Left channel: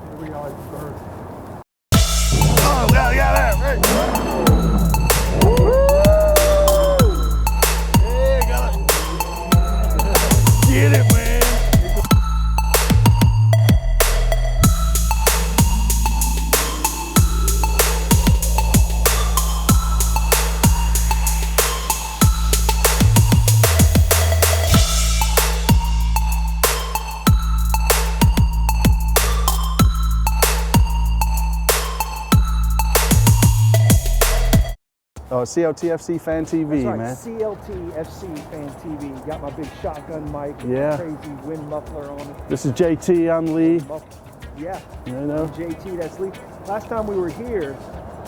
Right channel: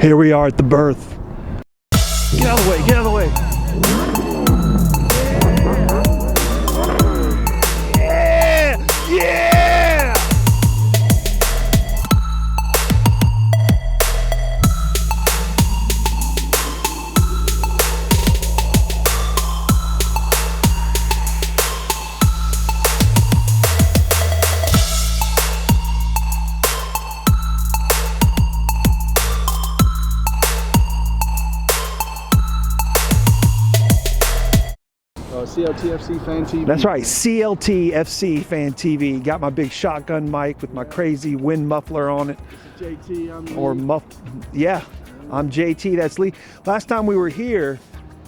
Here we are at the birth. Get out of the way, get out of the way. CLTFC Fan TV. That's right, man. CLTFC Fan TV. Got my big shotgun mic with my crazy wind muffler on it. This is JT, I'm Lee. Yeah, I'm JT, that's Lee. Last time we were here,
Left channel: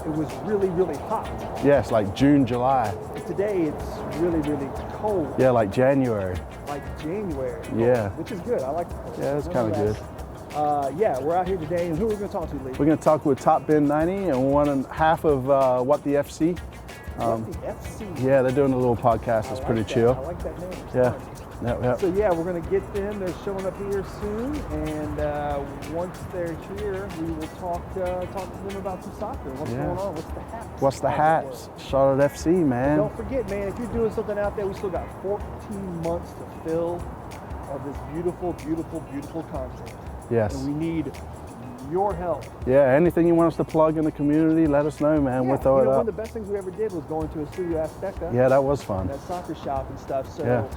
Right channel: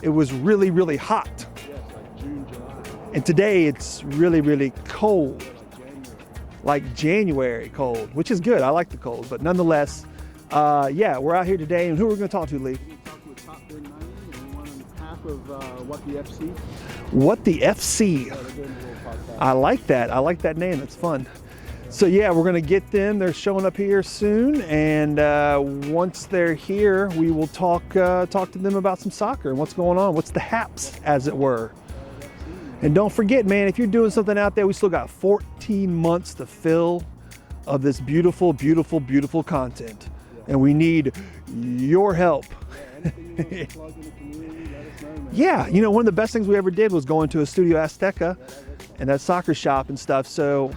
it was really, really hot. Yes, like June, July. And today it's really, really cold. Yeah, like January. Like January cold, which is good. I like the cold. Yeah, but nonetheless, yeah, we're out here today. And who are we going to talk to, Lee? We're going to talk with Top Bin 90 and one half of What the FC. What the FC? Yeah, they're doing a little podcast. I like that. Chill. I like that name. It's fun. Yep. So yeah, we're going to get them. They're showing up here soon, and once they're here, we will talk to them about some soccer. What's going on? What's the haps, as it were? Charlotte FC, man. And don't forget, man, if you're doing something out there, we still got 14 months to fill of this beautiful, beautiful, beautiful content. Yes. And we need your help. Yeah, anything you want us to plug in the community, let us know, man. Yeah, you know, one of the best things we ever did was going to a Studio Azteca. Yeah, that was fun. And that soccer shop and stuff. So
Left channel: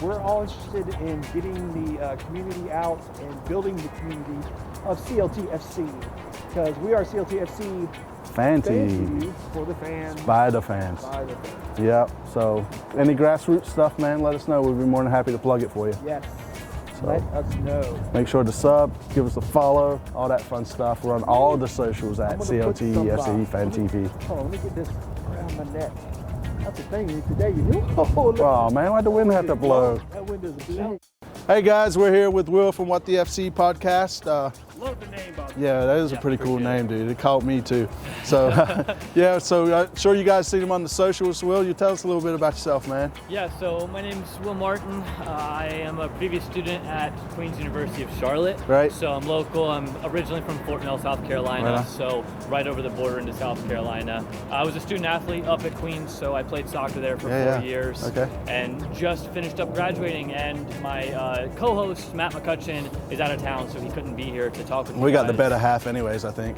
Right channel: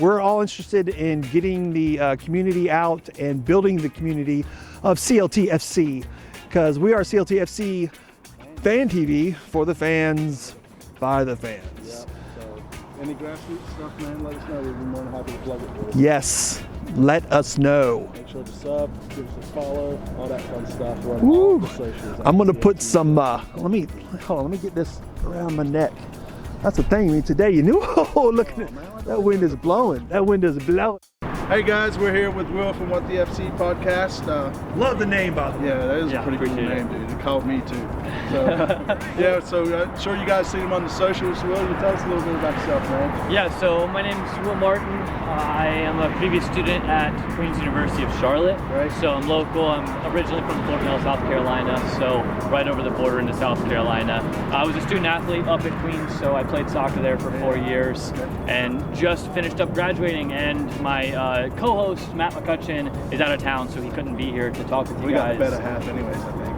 we're all interested in getting the community out and building the community of CLTFC, because we are CLTFC Fan TV for the fans. By the fans. By the fans. Yep. So any grassroots stuff, man, let us know. We'd be more than happy to plug it for you. Yes. Let us know. Make sure to sub, give us a follow, all that fun stuff. We're on all of the socials. I'm gonna put some. Let me get this around my neck. That's the thing today. You knew. Oh, look! Oh man, why the wind wind is have to blow? blowing. That wind is blowing. Hey guys, we're here with Will from What the FC podcast. Love the name, by the way. Yeah, that is a pretty cool name, dude. It caught me too. So, I'm sure you guys seen him on the socials. Will, you tell us a little bit about yourself, man? Yeah, so my name is Will Martin. I am a previous student at Queen's University of Charlotte. Right. So I'm local. I'm originally from Fort Mill, South Carolina, so right over the border into South Carolina. I was a student athlete up at Queen's, so I played soccer there for 4 years. Okay. And just finished up graduating, and my co-host, Matt McCutcheon, is out of town, so he couldn't be here to talk with you We got guys. the better half anyways, I think.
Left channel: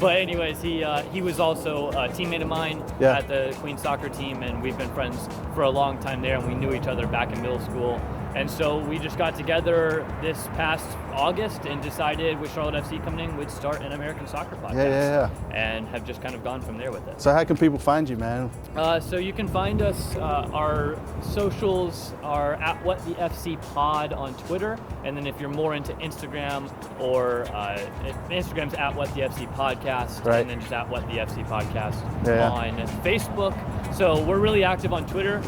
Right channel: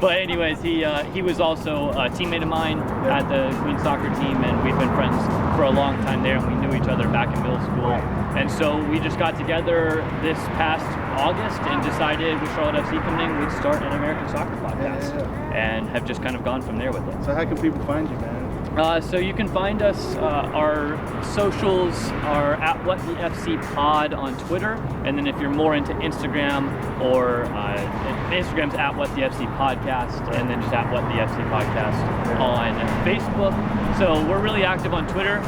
But anyways, he was also a teammate of mine at the Queen's soccer team, and we've been friends for a long time there, and we knew each other back in middle school. And so we just got together this past August and decided with Charlotte FC coming in, we'd start an American soccer podcast. And have just kind of gone from there with it. So how can people find you, man? So you can find us, our socials are at WhatTheFCPod on Twitter. And then if you're more into Instagram, or Instagram's at WhatTheFCPodcast, and then just at WhatTheFCPodcast on Facebook. So we're really active on Twitter,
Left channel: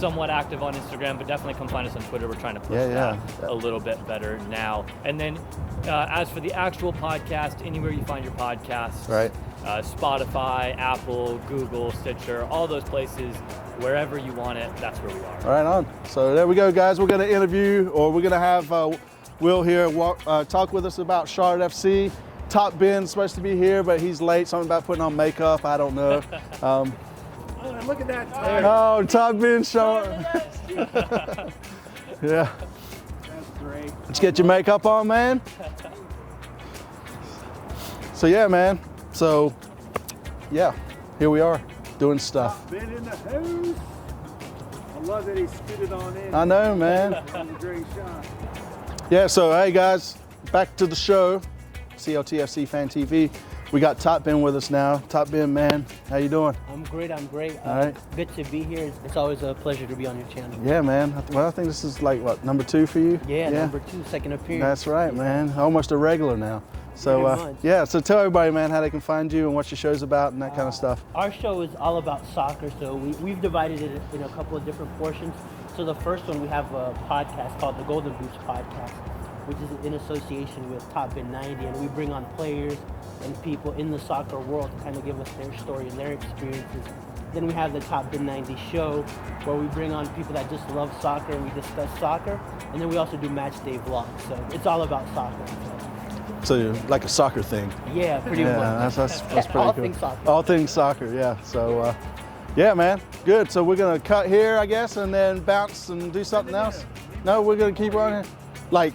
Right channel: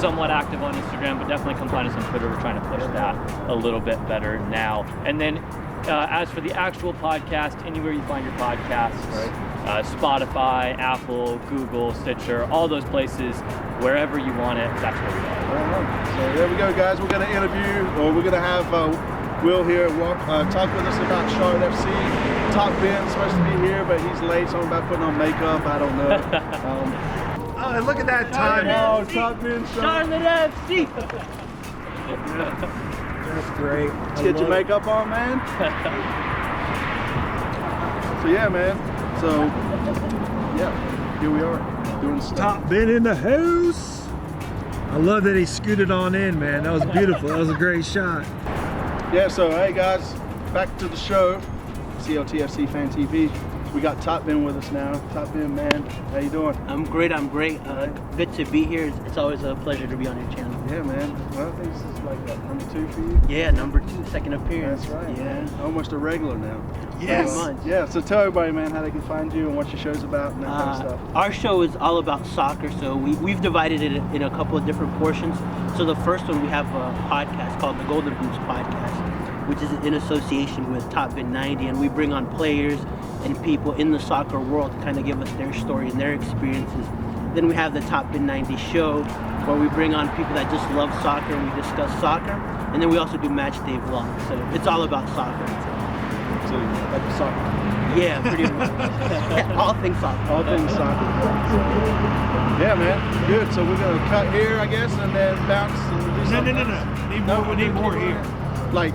somewhat active on Instagram, but definitely come find us on Twitter. We're trying to push that a little bit better now. And then as for the actual podcast, anywhere you find your podcasts, Spotify, Apple, Google, Stitcher, all those places, wherever you want it, that's where we are. Right on. So there we go, guys. We're going to interview, or we're going to have Will here talk with us about Charlotte FC. Top Bin's supposed to be here, but he's late, so I'm about putting on makeup. I don't know. Oh, look at that time. Oh, Top Bin, Charlotte FC. Yeah. That's great. Let's get your makeup on, man. So yeah, man. So yeah, here we are doing stuff. Top Bin in the house. I love that he scooted on in, man. I know, that was man. beautiful. That was a great shot. Yeah, so hey guys, back to the show. CLTFC Fan TV. We got Top Bin with us now. Top Bin, man, how you doing? I'm great. Good to be here. It's always a pleasure to be on your channel. Yeah, man. Well, I think this is like, what, number 2 for you? Yeah, number 2, second appearance. That's right, man. Almost a regular now. So, Yes. So tell everybody, man, how they can find you and what your show's about and that kind of stuff. Our show is all about soccer, so we've divided it in a couple of different portions. So the first one, we have a podcast called the Golden Boots Podcast, which is in association with Top Bin 90, and we bring on players and people in the soccer world to kind of give us their story and their experiences. Then we have the Top Bin 90 show, where we bring on people that just love soccer and we discuss soccer. And then we also do match day vlogs. So it's all about soccer. So like a soccer thing. Yeah, pretty much. That's pretty all cool. things soccer. All things soccer, yeah. So, yeah, man. Good. So we're gonna cut here, I guess, and then bounce and do something else. No, we're gonna keep running. Like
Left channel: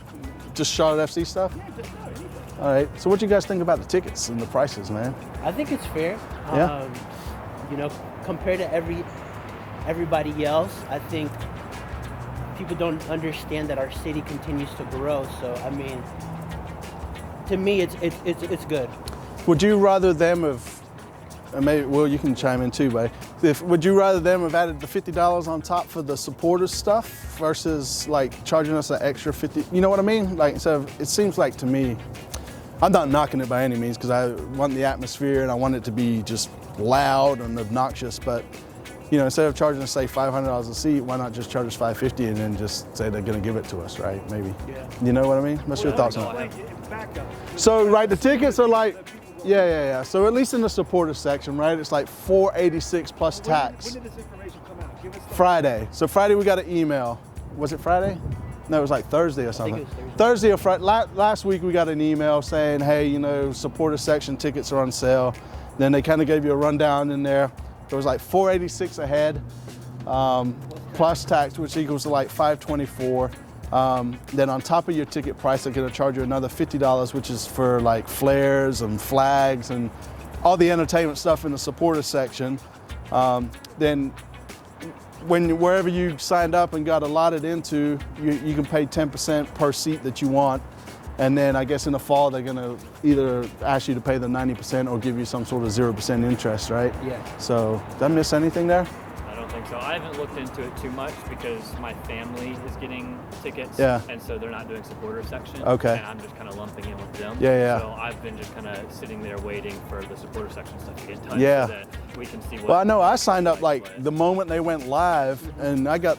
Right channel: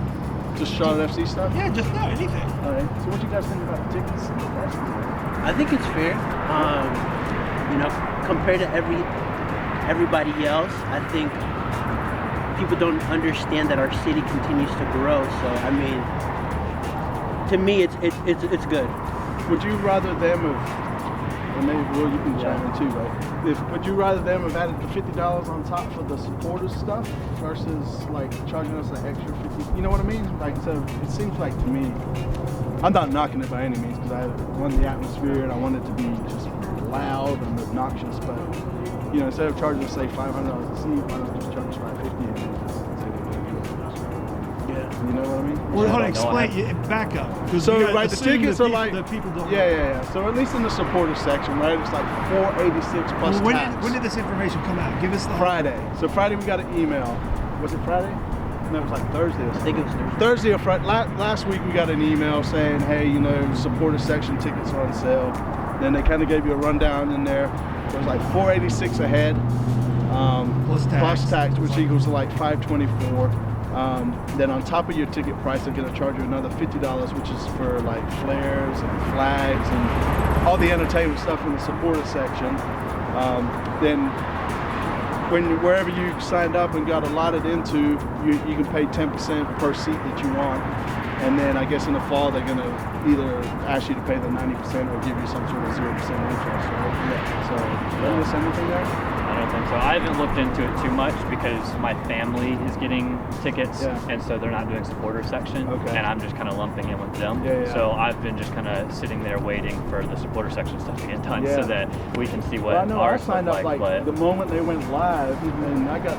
just Charlotte FC stuff. Yeah, just no anything. All right. So what do you guys think about the tickets and the prices, man? I think it's fair. Yeah. You know, compared to everybody else, I think people don't understand that our city continues to grow. So I mean, to me, it's good. Would you rather them have, maybe, well, you can chime in too, but would you rather them have added the $50 on top for the supporters stuff versus like charging us an extra 50? You know what I mean? Like, so it seems like to me, I'm not knocking it by any means because I want the atmosphere and I want it to be just loud and obnoxious, but you know, instead of charging us say $500 a seat, why not just charge us $550 and then just say they're going to give it to us, right? Maybe. Yeah. You know what I mean? Well, hold on, explain, back up. So, right, the tickets are like, the people don't yeah. So at least in the supporters section, right, it's like $486 plus tax. When did this information come out? Give us the Friday. So Friday we got an email. Was it Friday? No, it was like Thursday or something. I think it was Thursday or Friday. Last week we got an email saying, hey, you know, supporter section tickets are on sale. Then they kind of gave you a rundown in there. It was like $486 a head, plus tax, which equals to like $524. Then on top of your ticket price, they're going to charge you another $50, which is for like flares and flags and all the entertainment stuff in the supporter section. Then wherever you signed up and got allotted into, you can pay 10% per seat that you want. And then I guess in the fall, they're gonna either ask you to pay the 90% or give you some sort of 0% interest, right? Yeah. So, did I miss anything there? I don't think so. I haven't looked into it too much because my family is getting tickets, and so they're not doing supporter section. Okay. And I'm just kind of lumping in with them. Yeah. So I've been just kind of sitting there waiting for the supporter section stuff to get done Yeah. so that we can see what. Well, I know I ours signed look up like but- the moment they went live, and I got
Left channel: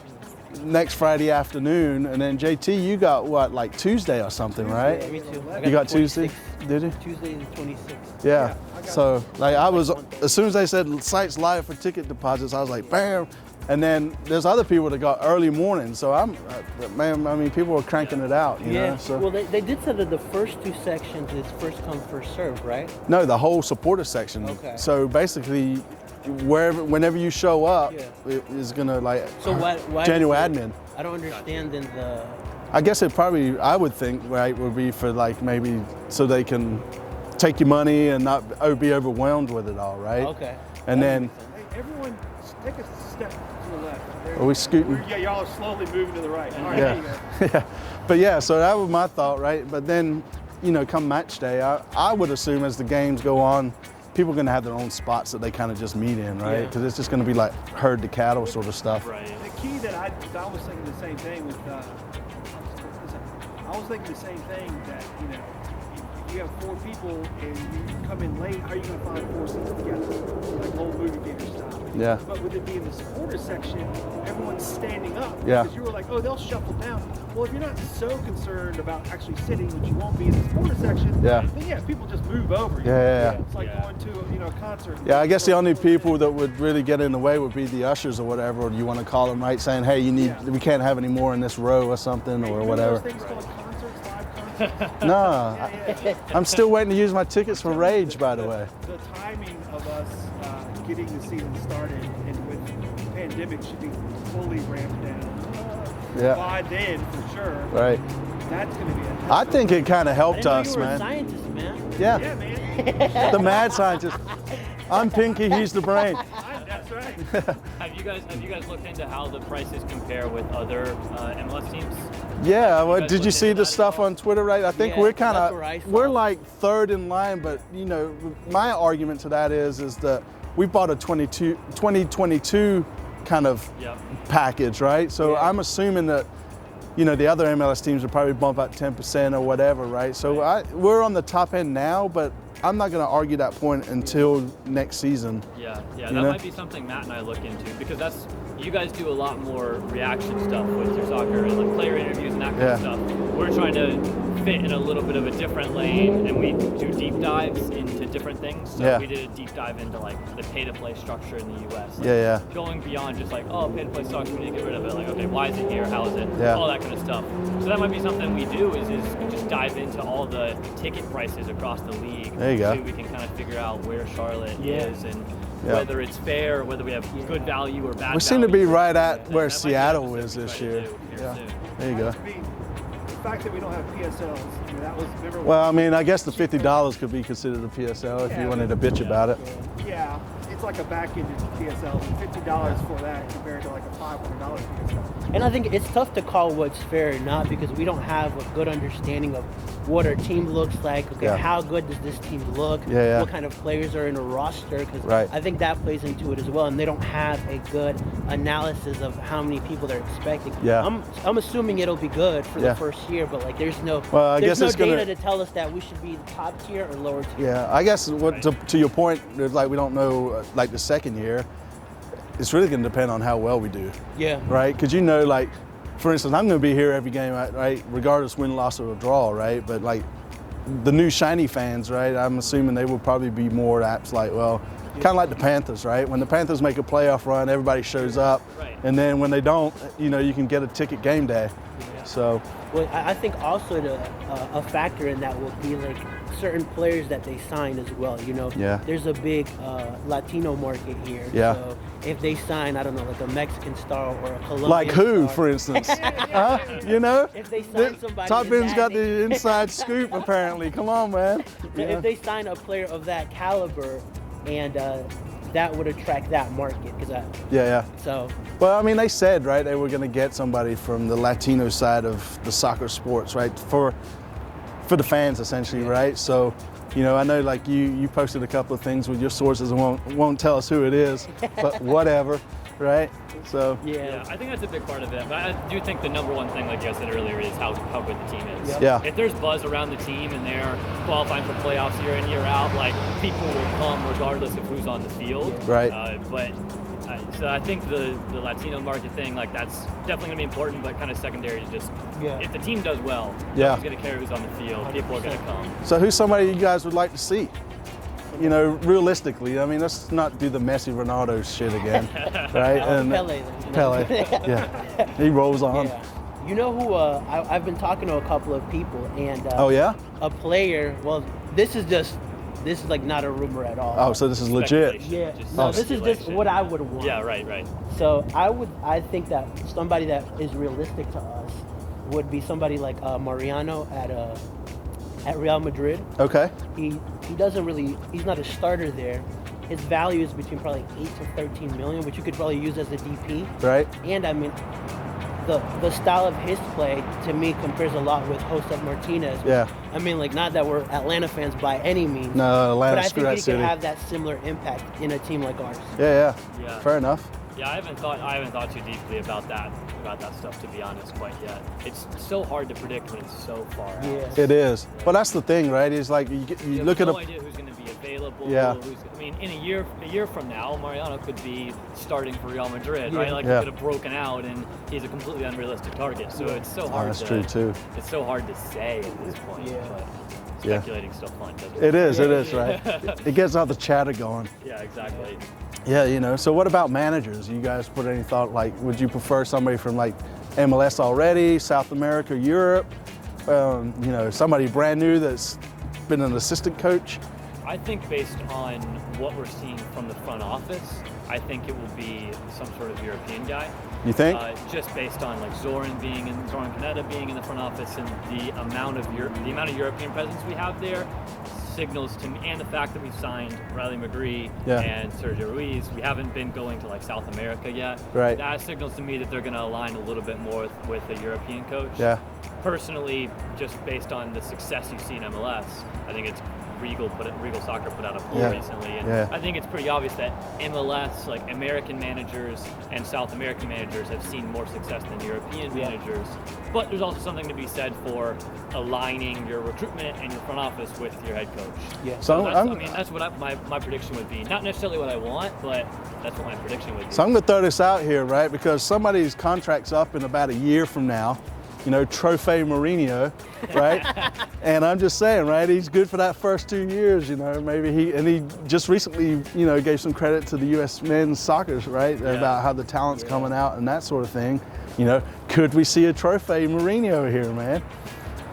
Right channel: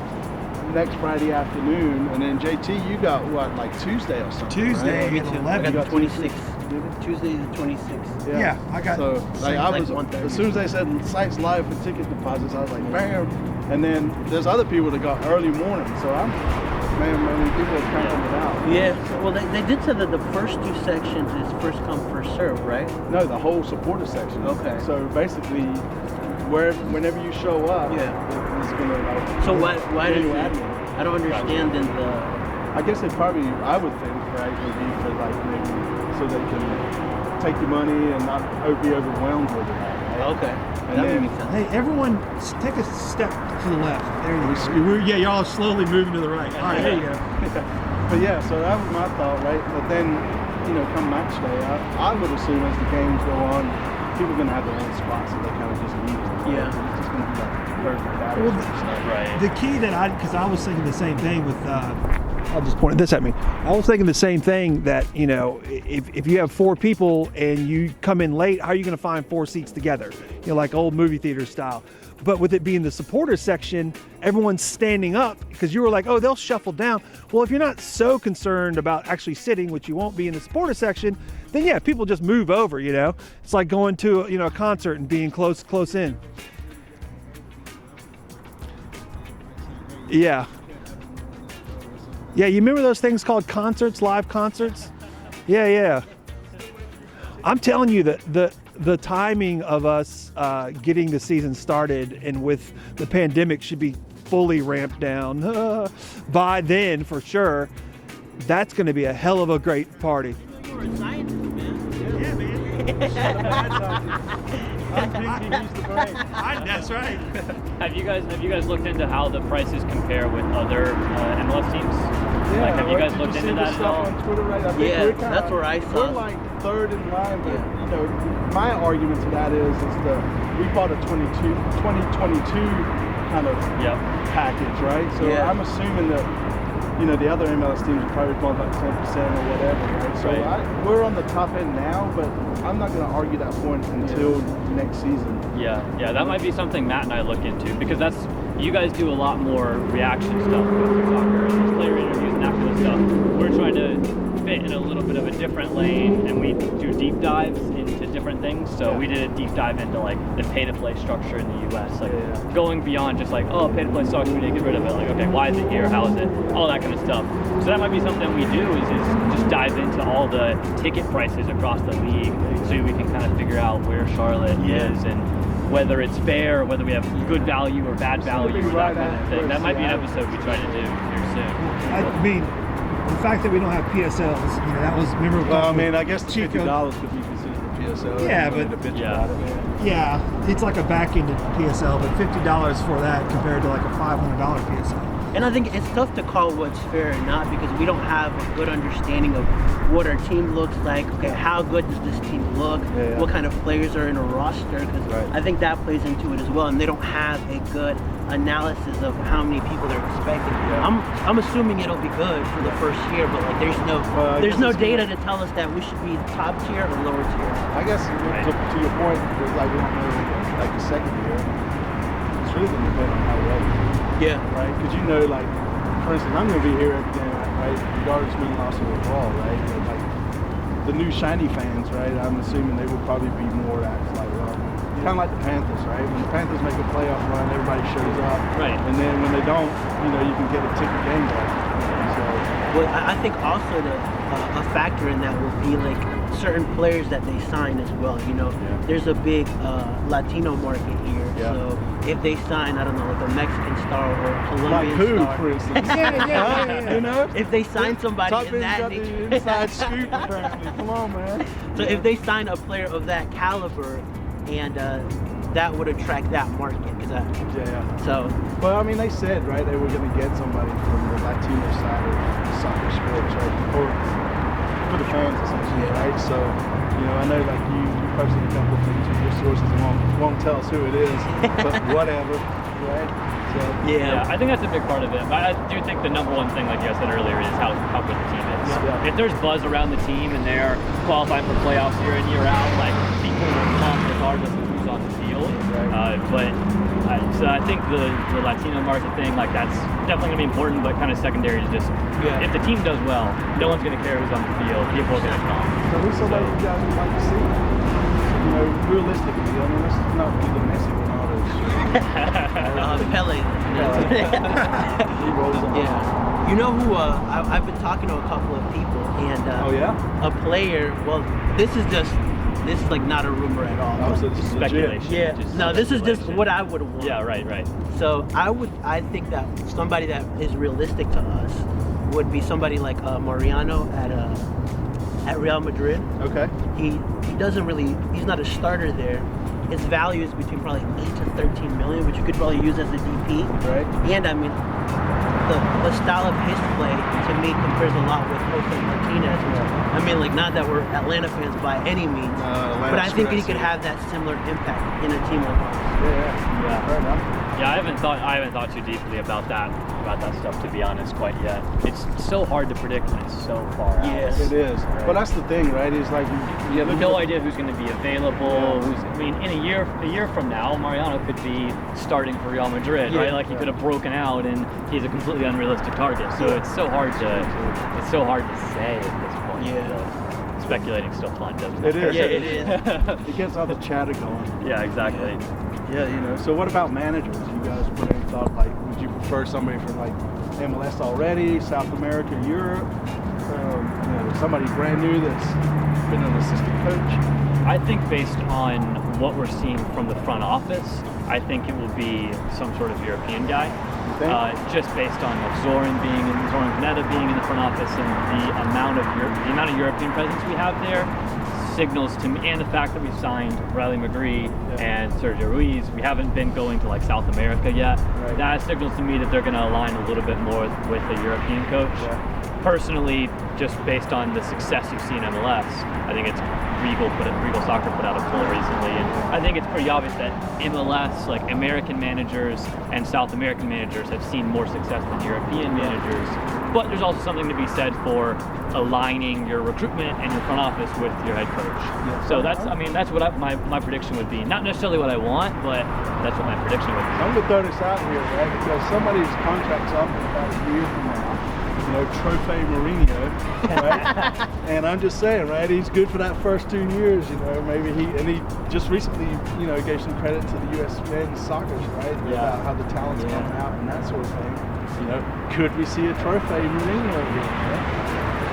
next Friday afternoon, and then JT, you got what, like Tuesday or something, Tuesday, right? me too. 11. You got Tuesday? 26th. Did you? Tuesday the 26th. Yeah, I got so it. like I was, 1:30. as soon as they said sites live for ticket deposits, I was like, bam. And then there's other people that got early morning, so I mean, people are cranking it out. you Yeah. know, so- Well, they did say that the first two sections is first come, first serve, right? No, the whole supporter section. Okay. So basically, whenever you show up, Yeah. it is gonna like So why general does it- admin. I don't understand then the. I guess it probably, I would think, right, would be for like maybe so they can take your money and not be overwhelmed with it all, right? Okay. And That then- makes sense. Hey, everyone, take a step to the left. There you Are we go. scooting? Yeah, y'all slowly moving to the right. All right, Yeah. there you go. Yeah. But yeah, so that was my thought, right? But then, you know, come match day, I would assume as the games go on, people are going to have their own spots that they kind of just meet in, right? Yeah. It's just going to be like herd the cattle sort of stuff. Right. The key that because I was thinking the same thing with, I'll just point this at me. I was thinking the same thing that, you know, if you have 4 people and you come in late, how are you going to find 4 seats together? You know, like old movie theater style. Yeah. But with it being the supporters section, everyone's standing up Yeah. because you were like, oh, they'll shuffle down. Well, if you're not so concerned about actually sitting, which you won't be in the supporters section, Yeah. then yeah, people just move over, you know? Yeah. It's like going to, you know, a concert and Yeah, I being guess the only close people in. that would really get in the way would be the ushers or whatever, or you want to call them, right, saying, hey, you need, Yeah. we can't have any more in this row or something. Yeah, or you remember whatever. those things called concerts, live concerts? No. Yeah. I'm still waiting to use my tickets I'm for telling you Rage, by the way. the timing of us getting the season started and with the pandemic should be fully ramped down Yeah. by then for sure. Right. That's going to be a hell I of a think great it kind of party. helped us, You're a man. scientist, man. Yeah. Yeah, man. The mad scientist. I'm Pinky, he's the brain. That's right. Have you guys looked into how the prices compare with other MLS teams? Yeah, have you well, guys did you looked see into the that stuff at all? on Twitter, right? I think Yeah, we're kind that's where I of, saw we're it. like third in line, but you know, my argument to that is that we bought a 2022 kind of Yep. package, right? So Yeah. I'm assuming that, you know, the other MLS teams would probably bump about 10% or whatever, right? So Right. we're on the top end now, but I'm not going to argue that point until next season. Yeah, that know? might be something Matt and I look into because you guys do a lot more reaction stuff with your soccer and these player interviews and that kind of Yeah. stuff. We're trying to fit in a little bit of a different lane, and we do deep dives into different things. So we did a deep dive into like the pay-to-play structure in the U.S. Like going beyond just like, oh, pay-to-play sucks, we need to get rid of it. Like, okay, why is it here? How is it? All that kind of stuff. So that might be something we do is just dive into all the ticket prices across the league, so we can kind of figure out where Charlotte is and whether it's fair, or whether we have good value or bad value. We seem to be right at where that Seattle might be an episode we try to do here soon. I mean, the fact that we don't have PSLs, that was memorable. Well, I mean, I guess the $50 could be considered a PSL if you wanted to bitch about it. Yeah, it's like a back-ended PSL, but $50 for that compared to like a $500 PSL. And I think it's tough to call what's fair or not because we don't have a good understanding of what our team looks like. Okay, how good does this team look? What kind of players are in a roster? Because I think that plays into it as well. And they don't have a good analysis of how many people they're expecting. I'm assuming it'll be good for the first year, but like there's no data to tell us that we should be top tier or lower tier. Yeah, I guess to your point, there's like we don't know like the second year. It's really going to depend on how well we do. Yeah. Right? Because like, for instance, I'm going to be here every game, right? Regardless win, loss, or draw, right? But like, the new shiny fans, right? I'm assuming they will probably be more apt, like, well, kind of like the Panthers, right? When the Panthers make a playoff run, everybody shows up. Right. And then when they don't, you can get a ticket game day. So. Well, I think also a factor in that will be like certain players that they sign as well. There's a big Latino market here. So if they sign, I don't know, like a Mexican star or a Colombian like who, star, for instance? If they sign somebody, Top Ben's got the inside scoop apparently. Come on, man. So if they sign a player of that caliber, and that would attract that market. So. Well, I mean, they said, right, they were going to get somebody from the Latino side of the soccer sports, right, for the fans essentially, right? So, I know like you posted a couple of things with your sources and won't tell us who it is, but whatever, right? So yeah, I think that's a big part of it. But I do think the number one thing, like I said earlier, is how good the team is. If there's buzz around the team and they're qualifying for playoffs year in, year out, like people will come regardless of who's on the field. Right. So I think the Latino market thing, like that's definitely going to be important, but kind of secondary is just if the team does well, no one's going to care who's on the field. People are going to come. So who's somebody you guys would like to see? Realistically, I mean, let's not do the Messi Ronaldo shit again. Right? Pele. He rolls on. Yeah. You know who? I've been talking to a couple of people, and a player. Well, this is like not a rumor at all. Oh, so this is legit. Yeah. No, this is just what I would want. Yeah, right. So I think that somebody that is realistic to us would be somebody like Mariano at Real Madrid. Okay. He's not a starter there. His value is between probably 8 to 13 million, which you could probably use as a DP. Right. And I mean, the style of his play to me compares a lot with Jose Martinez. Yeah. I mean, like not that we're Atlanta fans by any means. No, Atlanta. But I think he could have that similar impact in a team like ours. Yeah. Fair enough. Yeah, I haven't thought too deeply about that stuff, to be honest, quite yet. It's so hard to predict when it's so far out. Yes. It is. Right. Well, that's the thing, right? Is like you have no idea who's going to be available. Yeah. In a year from now, Mariano could be starting for Real Madrid, right? Like he could have broken out, and he's a completely unrealistic target. So it's so hard It's so hard to say at this point. So speculating's still fun, doesn't it? It is, right? It gets all the chatter going. Yeah, exactly. Yeah, So what about managers? You guys put any thought, like, would you prefer somebody from like MLS already, South America, Europe? Somebody brand new that's been an assistant coach? I think based on what we're seeing from the front office, I think it will be some sort of European guy. You think? Just based on Zoran Panetta being in the front office and the amount of European presence we have there signals to me, and the fact that we've signed Riley McGree and Sergio Ruiz, we haven't been going to like South America yet. Right. That signals to me that they're going to align a little bit more with a European coach. Yeah. Personally, just based on the success you've seen in MLS, I think it's Regal Soccer put out a poll recently, and I think it's pretty obvious that MLS, like American managers and South American managers, have seen more success than European managers. But there's also something to be said for aligning your recruitment and your front office with your head coach. Yeah. So that's what my prediction would be. Not necessarily what I want, but that's what my prediction would be. So I'm going to throw this out here, right? Because somebody's contract's up in about a year from now. you know, Trophy Mourinho, right? And I'm just saying, right, he's good for that first 2 years, you know, maybe he just recently, you know, gave some credit to the U.S. men's soccer, right, about how the talent's coming out and that sort of thing. You know, could we see a Trophy Mourinho here, man?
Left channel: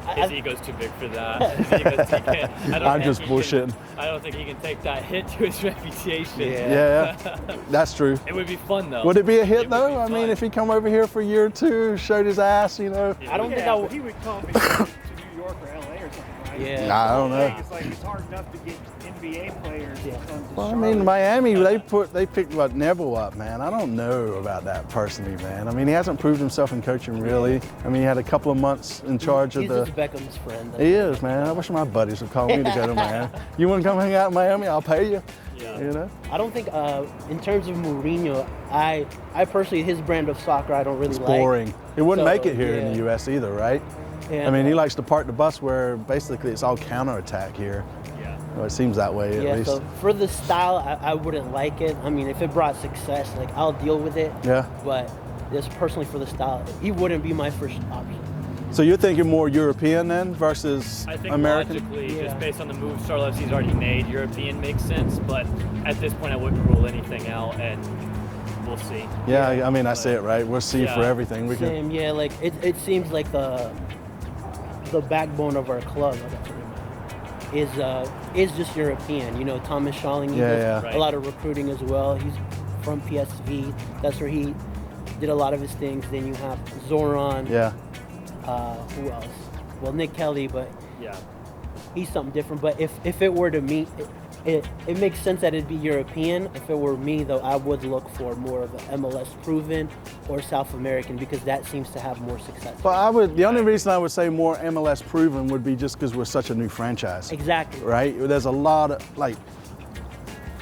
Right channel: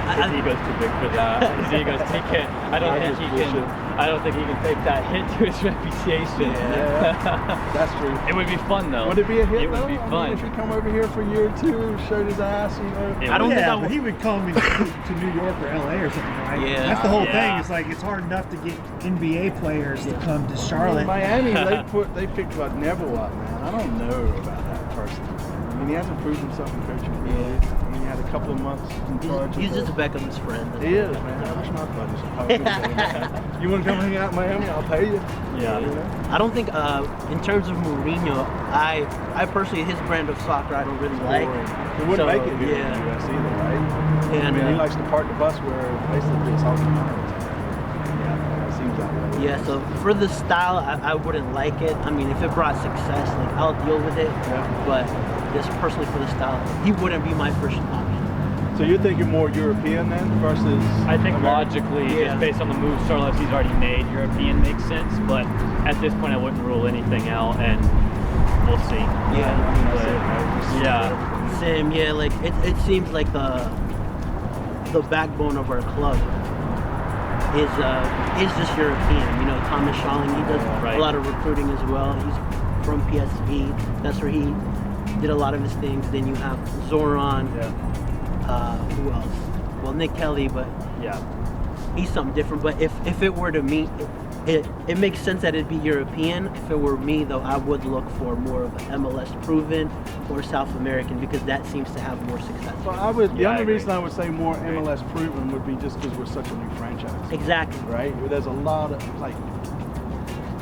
His ego's too big for that. He's even take it. I don't think he can take that hit to his reputation. Yeah, that's true. It would be fun though. Would it be a hit though? I mean, if he come over here for a year or two, showed his ass, you know. I don't think but he would come to New York or LA or something, right? Yeah. That's the whole thing. It's like it's hard enough to get NBA players to come to Charlotte. I mean, Miami, they picked Neville up, man. I don't know about that personally, man. I mean, he hasn't proved himself in coaching really. I mean, he had a couple of months in charge of He's just Beckham's friend. He is, man. I wish my buddies would probably together, man. You want to come hang out in Miami? I'll pay you. Yeah. You know? I don't think, in terms of Mourinho, I personally, his brand of soccer, I don't really It's like. boring. It wouldn't So, make it here in the U.S. either, right? And, I mean, he likes to park the bus where basically it's all counterattack here. Yeah. Or it seems that way. At Yeah, least. so for the style, I wouldn't like it. I mean, if it brought success, like, I'll deal with it. Yeah. But just personally for the style, he wouldn't be my first option. So you're thinking more European then versus I think American? logically, just based on the moves Charlotte FC's already made, European makes sense. But at this point, I wouldn't rule anything out, and we'll see. Yeah, I mean, that's it, right? We'll see for everything. Same, yeah, like, it seems like the backbone of our club is just European. You know, Thomas Schalling, he does a lot of recruiting as well. He's from PSV. That's where he did a lot of his things. Then you have Zoran. Yeah. Who else? Well, Nick Kelly, but he's something different. But if it were to me, it makes sense that it'd be European. If it were me, though, I would look for more of an MLS proven or South American because that seems to have more success. Well, the only reason I would say more MLS proven would be just because we're such a new franchise. Exactly. Right? There's a lot of, like,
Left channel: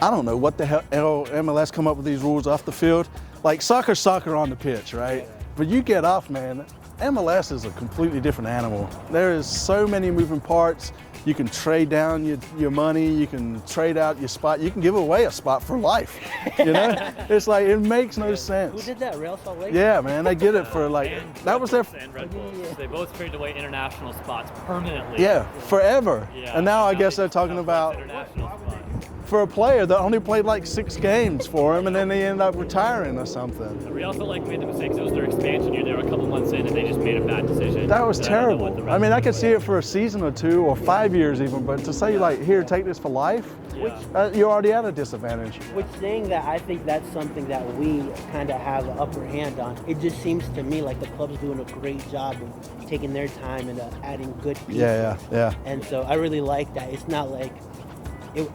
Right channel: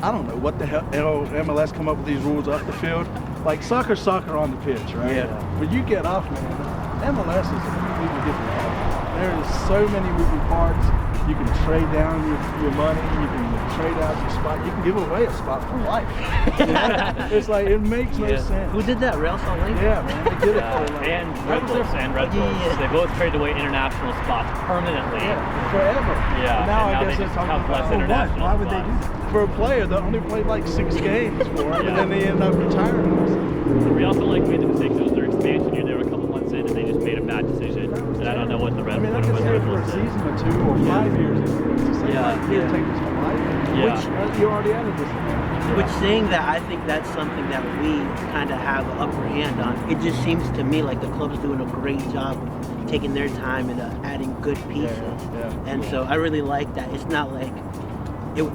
I don't know what the hell MLS come up with these rules off the field. Like, soccer's soccer on the pitch, right? Yeah. But you get off, man, MLS is a completely different animal. There is so many moving parts. You can trade down your money. You can trade out your spot. You can give away a spot for life. You know? It's like, it makes no sense. Who did that? Real Salt Lake? Yeah, man, they did it for like, And that was their and Red Bulls. Yeah. They both traded away international spots permanently. Yeah, forever. Yeah. And now I guess they they're talking count less about international Why would they spots. do that? for a player that only played like 6 games for him, and then he ended up retiring or something. The Real Salt Lake made the mistake. It was their expansion year. They were a couple months in, and they just made a bad decision. That was And I don't know terrible. what the I rest mean, of I them could see it would for a do. season or 2 or 5 years even, but to say like, here, take this for life, Yeah. you're already at a disadvantage. Which saying that, I think that's something that we kind of have an upper hand on. It just seems to me like the club's doing a great job of taking their time and adding good pieces. Yeah. And so I really like that. It's not like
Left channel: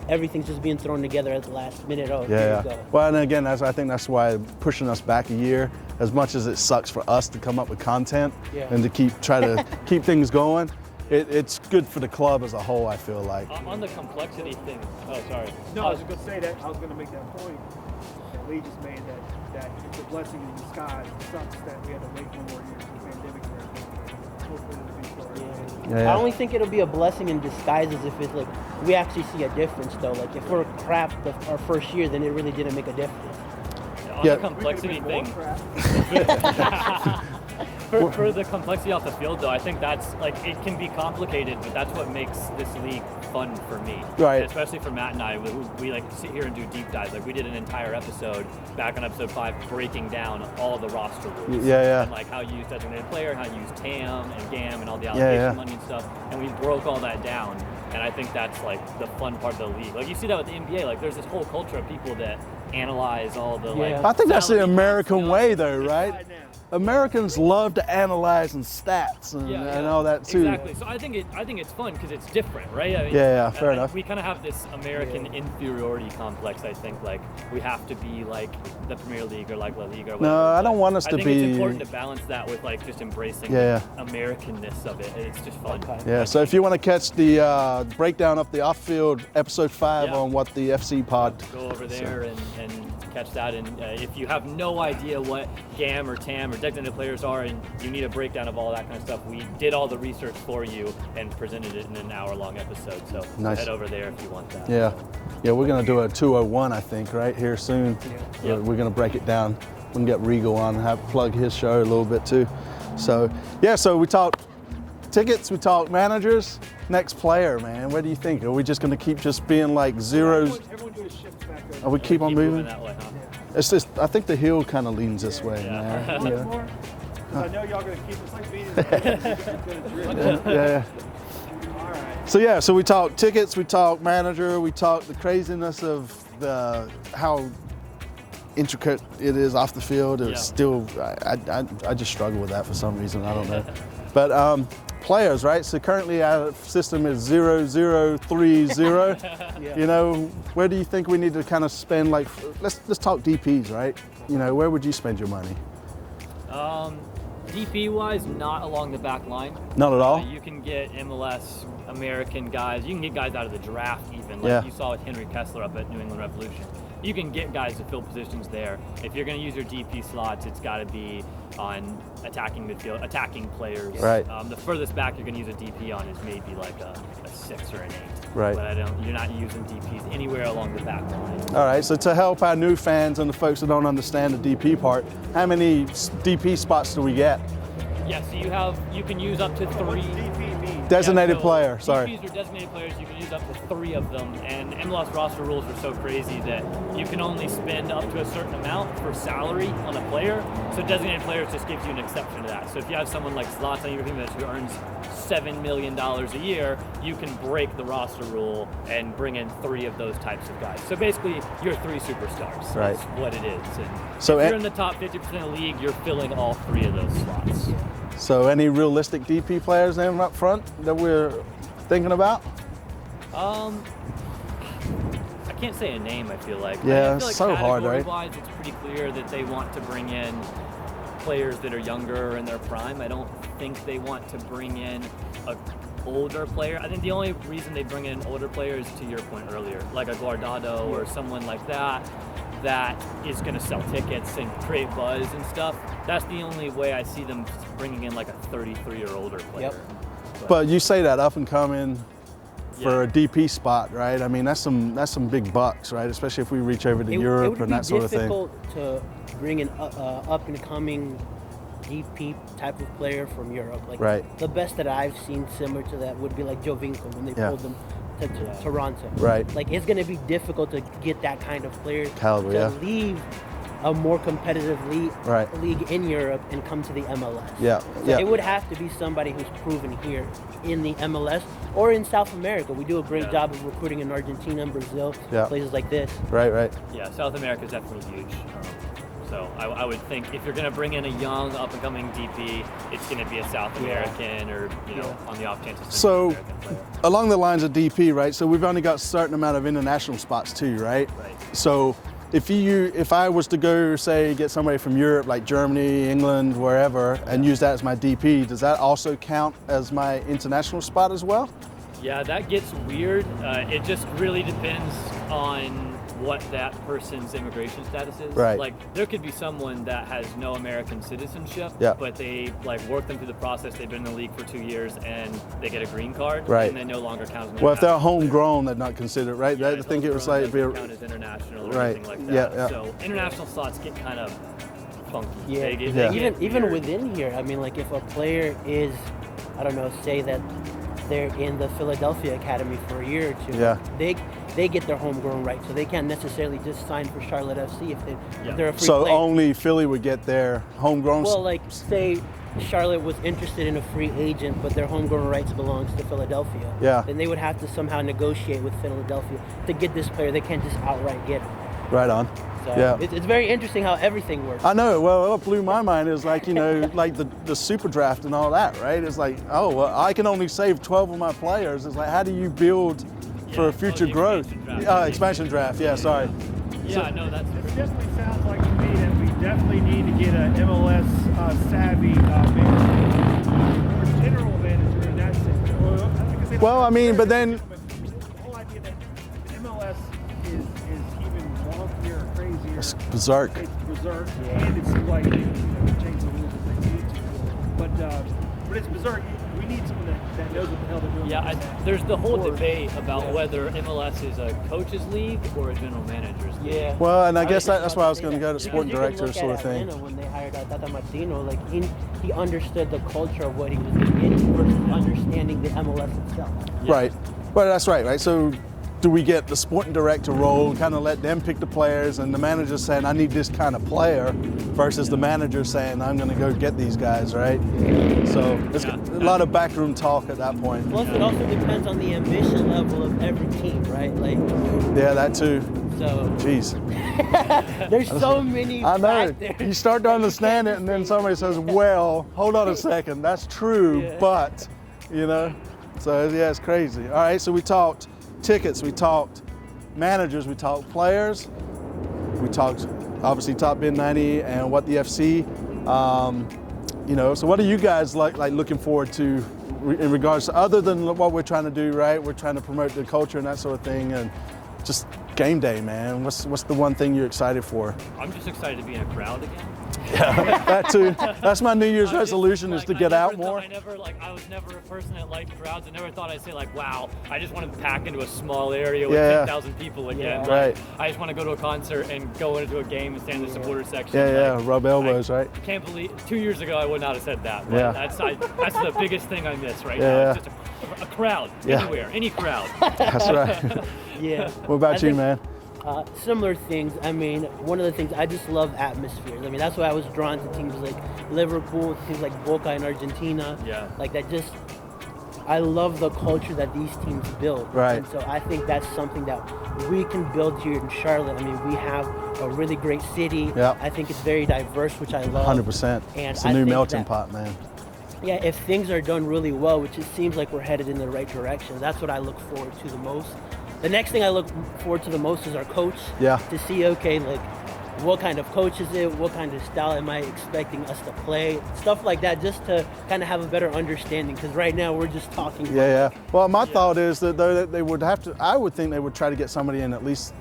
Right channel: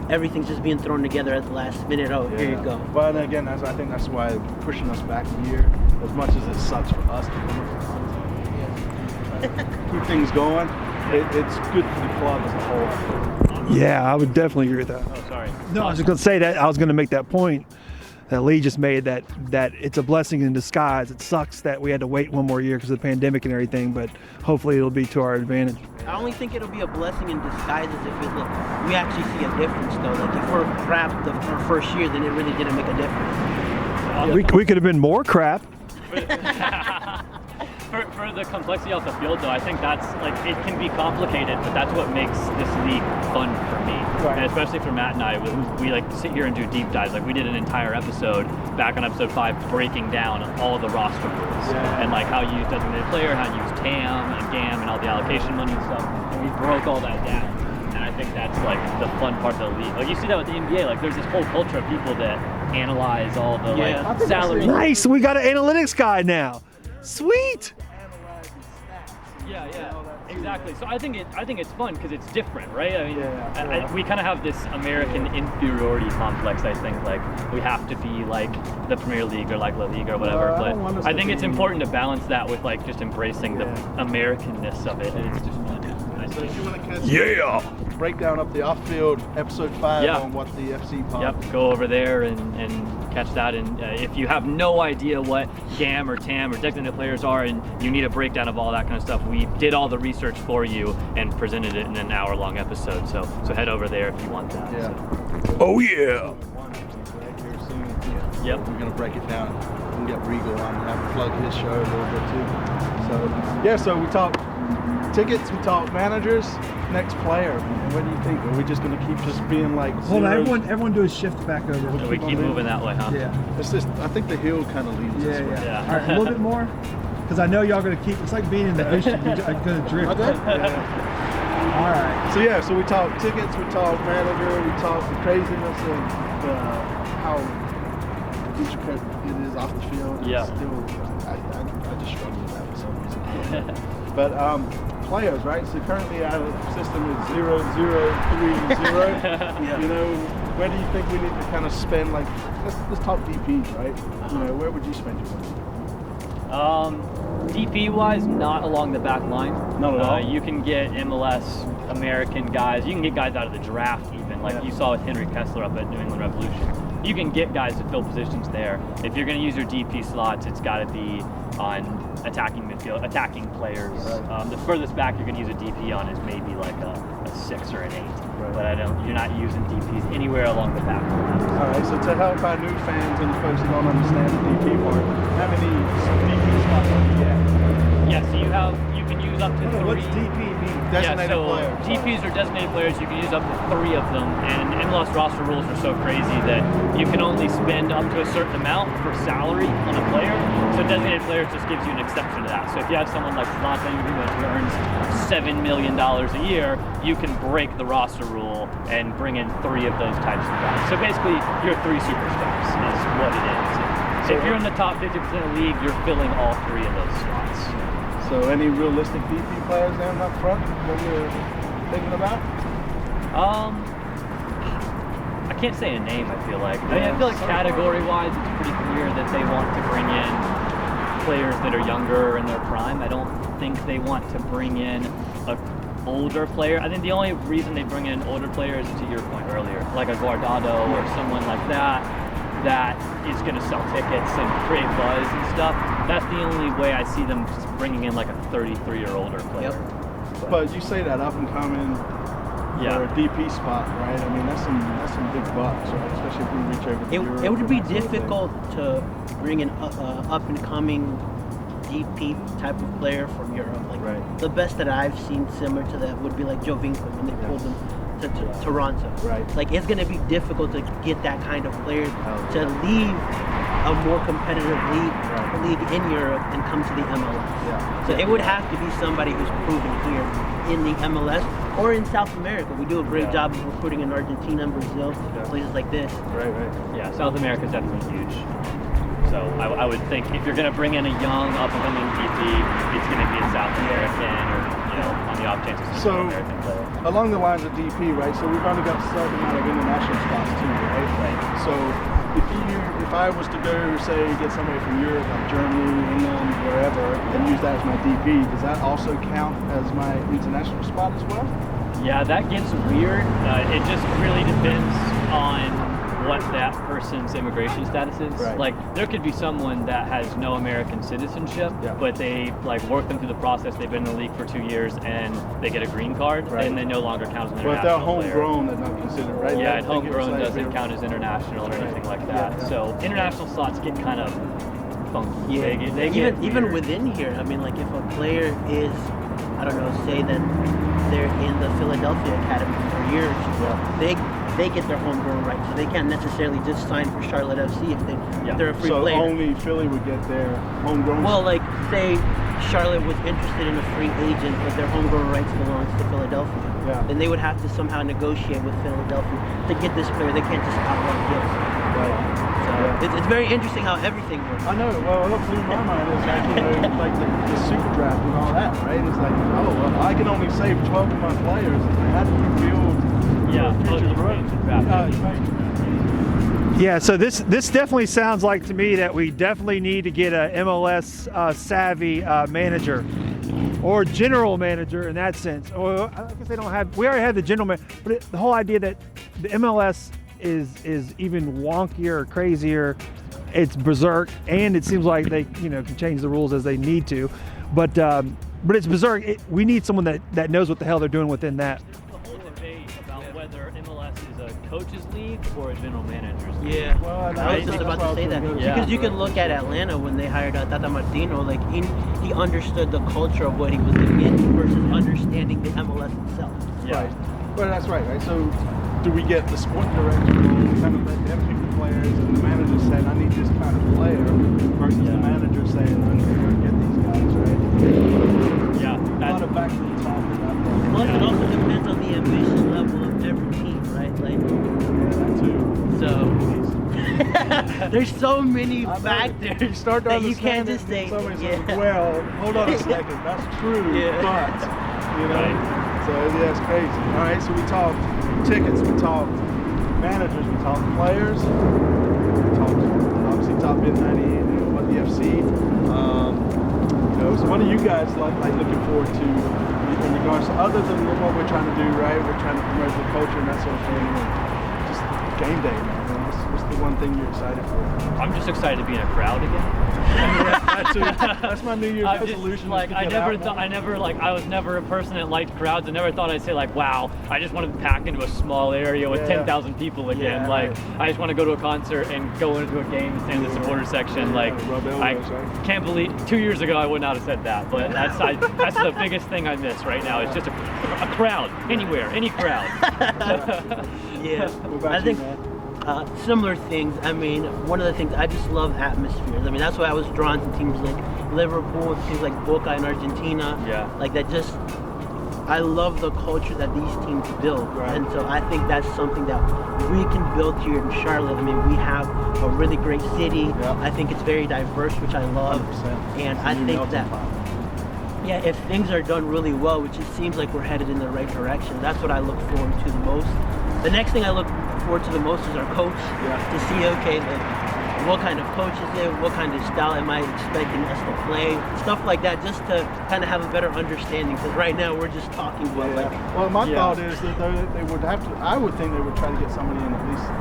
everything's just being thrown together at the last minute. Oh, here you go. Well, and again, I think that's why pushing us back a year, as much as it sucks for us to come up with content and to try to keep things going, it's good for the club as a whole, I feel like. Yeah, I would definitely agree with that. Oh, sorry. No, I was just going to say that. I was going to make that point that Lee just made, that it's a blessing in disguise. It sucks that we had to wait one more year because of the pandemic and everything, but hopefully it'll be to our advantage. I only think it'll be a blessing in disguise as if it's like we actually see a difference though. Like if we're crap our first year, then it really didn't make a difference. Yeah. We could have been more crap. For the complexity off the field, though, I think that's like it can be complicated, but that's what makes this league fun for me. Right. And especially for Matt and I, we like sit here and do deep dives. Like we did an entire episode back on episode 5, breaking down all the roster moves and like how you use designated player, how you use TAM and GAM and all the allocation money and stuff. And we broke all that down. And I think that's like the fun part of the league. Like you see that with the NBA. Like there's this whole culture of people that analyze all the like. I think that's the Nice, American we got an way, though, analytics right? guy now. Americans Sweet. love to analyze and stats and all that too. Exactly. So I think it's fun because it's different, right? I mean, fair enough. We kind of have this American inferiority complex. I think like we have to be like the Premier League or like La Liga or whatever. I don't want us I to think it's be- important to balance that with like just embracing the Americanness of it. It's just fun. Yeah, so if you want to catch the breakdown of the off-field episode 5 on What the FC Pod. Go over there and catch that. And if you have no idea what GAM or TAM or designated players are and you need a breakdown of all that kind of stuff, we did all the research for you and presented it in an hour-long episode. So head over there if you want that. Yeah. Yeah, we're going to do a 201, I think, right here soon. Yep. We're going to break it down and get Regal on and have plug his show a little bit too. So, yeah, so we talk tickets, we talk managers. Next player, man. What do you think? Are we just going to keep just being like zeros? Everyone do a shift back over. Or we keep on moving that way, huh? Yeah. It's just, I think the hill kind of leans this way. Yeah. All right, a little bit more, because I know y'all going to keep. It's like being in the ocean. You're going to drift. Yeah. All right. So yeah, so we talk tickets, we talk manager, we talk the craziness of how intricate it is off the field. And still, I just struggle with that for some reason. I don't know. But players, right? So currently our system is 0030. You know, where do you think we need to kind of spend? Like, let's talk DPs, right? You know, where would you spend your money? DP-wise, not along the back line. Not at all? You can get MLS American guys. You can get guys out of the draft even, like you saw with Henry Kessler up at New England Revolution. You can get guys to fill positions there. If you're going to use your DP slots, it's got to be on attacking midfield, attacking players. Right. The furthest back you're going to use a DP on is maybe like a 6 or an 8. Right. But you're not using DPs anywhere along the back line. All right, so to help our new fans and the folks who don't understand the DP part, how many DP spots do we get? Yeah, so you can use up to 3. What's DP mean? Designated player. Sorry. DPs are designated players. You can use up to 3 of them, and MLS roster rules are so crazy that you can only spend up to a certain amount for salary on a player. So designated players just gives you an exception to that. So if you have someone like Zlatan Ibrahimovic who earns $7 million a year, you can break the roster rule and bring in 3 of those types of guys. So basically, you're 3 superstars. That's what it is. So if you're in the top 50% of the league, you're filling all 3 of those slots. So any realistic DP players there up front that we're thinking about? I can't say a name, I feel like. Yeah, I feel like so category-wise, it's pretty clear that they want to bring in players that are younger in their prime. I don't think they want to bring in an older player. I think the only reason they bring in an older player is to your point earlier, like a Guardado or someone like that is going to sell tickets and create buzz and stuff. That's the only way I see them bringing in like a 33 or older player. Yep. But you say that up and coming for a DP spot, right? I mean, that's some big bucks, right? Especially if we reach over to Europe. It would and be that sort of thing. difficult to bring an up and coming DP type of player from Europe. Like the best that I've seen similar to that would be like Joe Winkler when they pulled him to Toronto. Right. Like it's going to be difficult to get that kind of player to yeah. leave a more competitive league in Europe and come to the MLS. Yeah. So it would have to be somebody who's proven here in the MLS or in South America. We do a great job of recruiting in Argentina and Brazil, places like this. Right. Yeah, South America is definitely huge. So I would think if you're going to bring in a young up-and-coming DP, it's going to be a South American or, on the off chance it's So, American player. Along the lines of DP, right? So we've only got a certain amount of international spots too, right? So if I was to go, say, get somebody from Europe, like Germany, England, wherever, and use that as my DP, does that also count as my international spot as well? Yeah, that gets weird. It just really depends on what that person's immigration status is. Right. Like, there could be someone that has no American citizenship, but they work them through the process. They've been in the league for 2 years and they get a green card, and they no longer count as well, if they're international homegrown, they're not considered, right? Yeah, I think it was homegrown like doesn't count as international or anything like that. Yeah. So international slots get kind of funky. Yeah. They get Even weird. within here, I mean, like if a player is, I don't know, say that they're in the Philadelphia Academy for a year or 2, they get their homegrown rights, so they can't necessarily just sign for Charlotte FC if they're a free player. So only Philly would get their homegrown. Well, like say Charlotte was interested in a free agent, but their homegrown rights belongs to Philadelphia. Yeah. Then they would have to somehow negotiate with Philadelphia to get this player. They can't just outright get it. Right on. So it's very interesting how everything works. I know. Well, what blew my mind is like, like the super draft and all that, right? It's like, oh, well, I can only save 12 of my players. It's like, how do you build for future growth? Expansion draft. Yeah, sorry. Yeah, so this definitely sounds like to me that we definitely need to get an MLS savvy manager or general manager in that sense. Or I think they don't have, we already have the general manager, but the whole idea that the MLS is even wonkier or crazier. Berserk. It's berserk, and it seems like they can change the rules as they need to, but it's berserk. We need someone that knows what the hell they're doing within that. There's the whole debate about whether MLS is a coaches league or a general managers league. Yeah. Well, and I guess was that's about why I was say going to that. go to. Because you can look at Atlanta when they hired Tata Martino, like he understood the culture of what he was going to be in versus understanding the MLS itself. Right. Well, that's right. So, do we get the sporting director role, kind of let them pick the players, and the manager saying, I need this kind of player, versus the manager saying, I'm going to go get these guys, right? So, it's a lot of backroom talk at that point. Plus, it also depends on the ambition level of every team, right? Like, yeah, that too. So, jeez. There's so many I know. factors. You start to understand it, and then somebody says, well, hold on a second, that's true, but, So, yeah, it's crazy. All right, so we talked tickets, we talked managers, we talked players, we talked obviously Top Bin 90 and What the FC. So what are you guys like looking forward to in regards to, other than what we're trying to do, right? We're trying to promote the culture and that sort of thing, and just game day, man. What's the one thing you're excited for? I'm just excited to be in a crowd again. That too. That's my New Year's resolution, is to get out more. I was never a person that liked crowds. I never thought I'd say wow, I just want to pack into a small area with 10,000 people again. I just want to go to a concert and go into a game and stand in the supporter section. Rub elbows, right? Can't believe 2 years ago I would not have said that. But that's the biggest thing I miss right now. It's just a crowd anywhere, any crowd. That's right. Yeah. What about you, man? Similar things. I mean, one of the things, I just love atmospheres. I mean, that's why I was drawn to teams like Liverpool, teams like Boca in Argentina. Yeah. Like that just, I love the culture that these teams build. Right. And so I think that's something that we can build here in Charlotte. I mean, we have a really great city. Yeah. I think it's very diverse, which I love. 100%. And It's a I new think melting that, pot, man. yeah, if things are done really well, which it seems like we're headed in the right direction, that's what I look forward to the most. The next thing I look forward to the most is our coach. Yeah. To see, what kind of coach is it? What kind of style am I expecting us to play? Stuff like that, just to kind of have a better understanding. Because right now we're just talking. Well, my thought is that they would have to. I would think they would try to get somebody in at least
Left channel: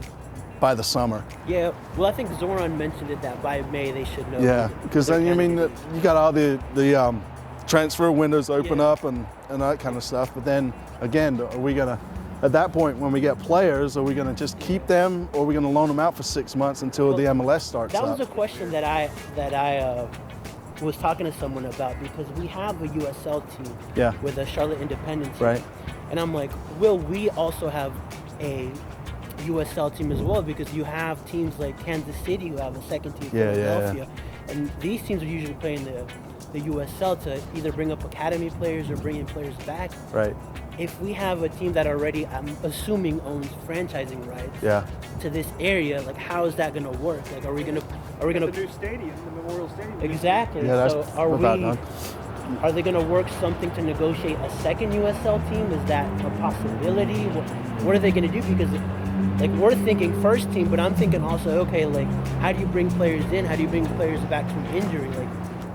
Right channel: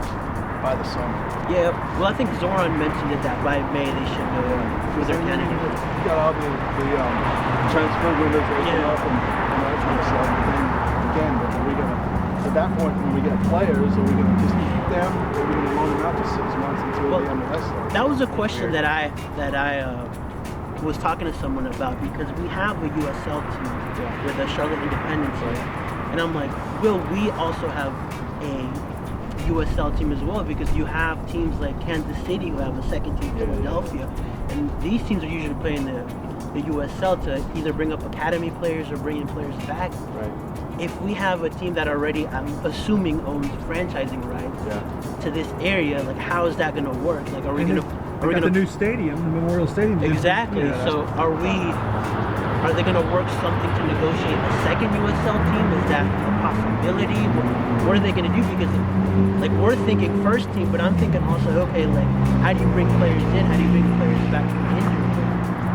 by the summer. Yeah. Well, I think Zoran mentioned it that by May they should know. Yeah. Because then you got all the transfer windows open up and that kind of stuff. But then again, we're gonna. At that point, when we get players, are we going to just keep them, or are we going to loan them out for 6 months until the MLS starts? That was a question that I was talking to someone about, because we have a USL team with the Charlotte Independence, right? And I'm like, will we also have a USL team as well? Because you have teams like Kansas City who have a second team, Philadelphia, and these teams are usually playing the USL to either bring up academy players or bring in players back. Right. If we have a team that already, I'm assuming, owns franchising rights to this area, like how is that going to work? Like, are we going to the new stadium, the Memorial Stadium? Exactly. So are they going to work something to negotiate a second USL team? Is that a possibility? What are they going to do? Because we're thinking first team, but I'm thinking also, okay, how do you bring players in? How do you bring players back from injury?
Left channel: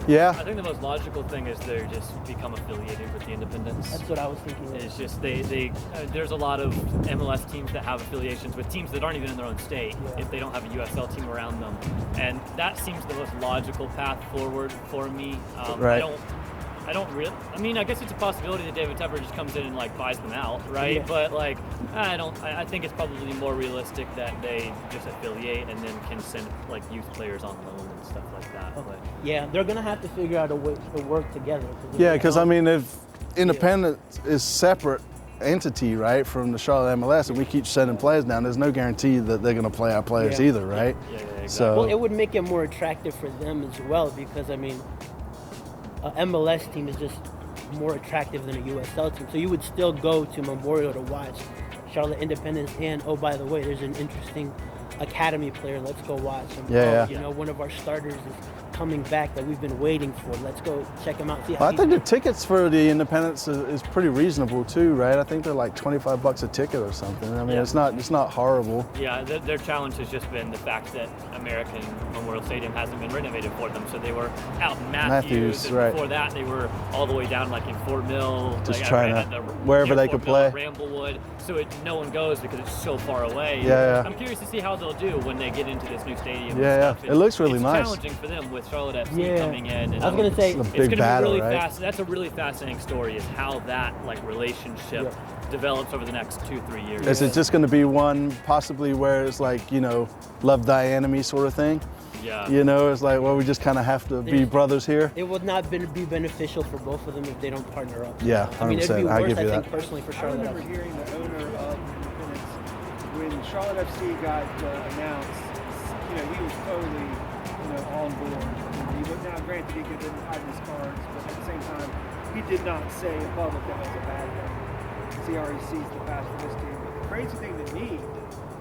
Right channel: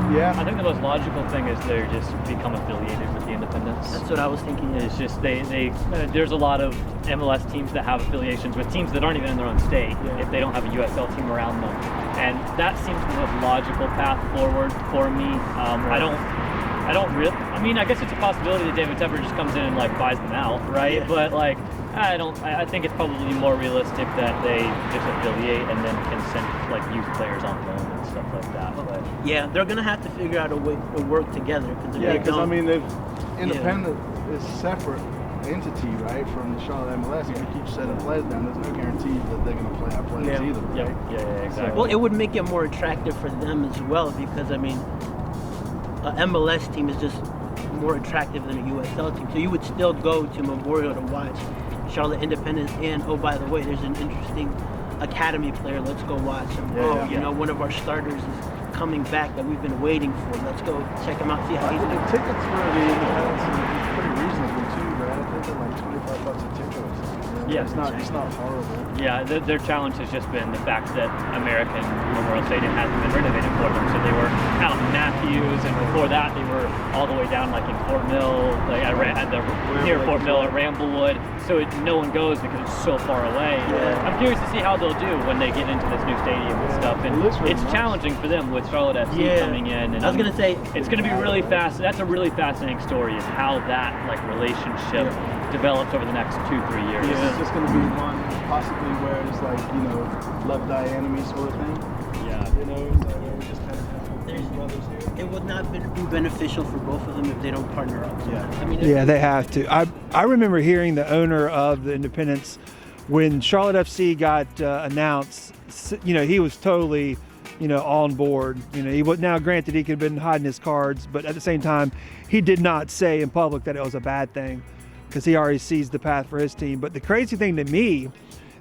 Yeah. I think the most logical thing is they're just become affiliated with the Independents. That's what I was thinking. Yeah. It's just there's a lot of MLS teams that have affiliations with teams that aren't even in their own state if they don't have a USL team around them, and that seems the most logical path forward for me. I don't really. I mean, I guess it's a possibility that David Tepper just comes in and buys them out, right? Yeah. But I don't. I think it's probably more realistic that they just affiliate and then can send youth players on loan and stuff like that. But yeah, they're gonna have to figure out a way to work together. Because I mean, if Independent is separate entity, right, from the Charlotte MLS, and we keep sending players down, there's no guarantee that they're going to play our players either, right? Yeah, exactly. So, well, it would make it more attractive for them as well, because I mean, an MLS team is just more attractive than a USL team. So you would still go to Memorial to watch Charlotte Independence, and oh, by the way, there's an interesting academy player. Let's go watch him. One of our starters is coming back that we've been waiting for. Let's go check him out. See how I he's think the doing. tickets for the Independence is pretty reasonable too, right? I think they're like $25 a ticket or something. I mean, Yeah. it's not horrible. Yeah, their challenge has just been the fact that American Memorial Stadium hasn't been renovated for them. So they were out in Matthews, and right. before that they were all the way down like in Fort Mill, Just like trying at to- the wherever near they Fort can Mill at play. Ramblewood. So no one goes because it's so far away. Yeah. I'm curious to see how they'll do when they get into this new stadium Yeah, and stuff. it And looks really it's nice. challenging for them with Charlotte FC Yeah. coming in. And I was gonna say It's a it's big going to be battle, really right? fast. That's a really fascinating story, is how that like relationship develops over the next 2-3 years. Is it just going to be one possibly where it's like, love die enemy sort of thing? Yeah. It's like, well, we just kind of have to be brothers here. It would not be beneficial for both of them if they don't partner up. Yeah, I mean, 100%. Yeah, they I have agree to. with I remember hearing the owner of the Independence when Charlotte FC got announced. He was totally, on board. He was, now granted he could have been hiding his cards, but at the same time, he did not say in public that it was a bad thing because he already sees the path for his team. But the crazy thing to me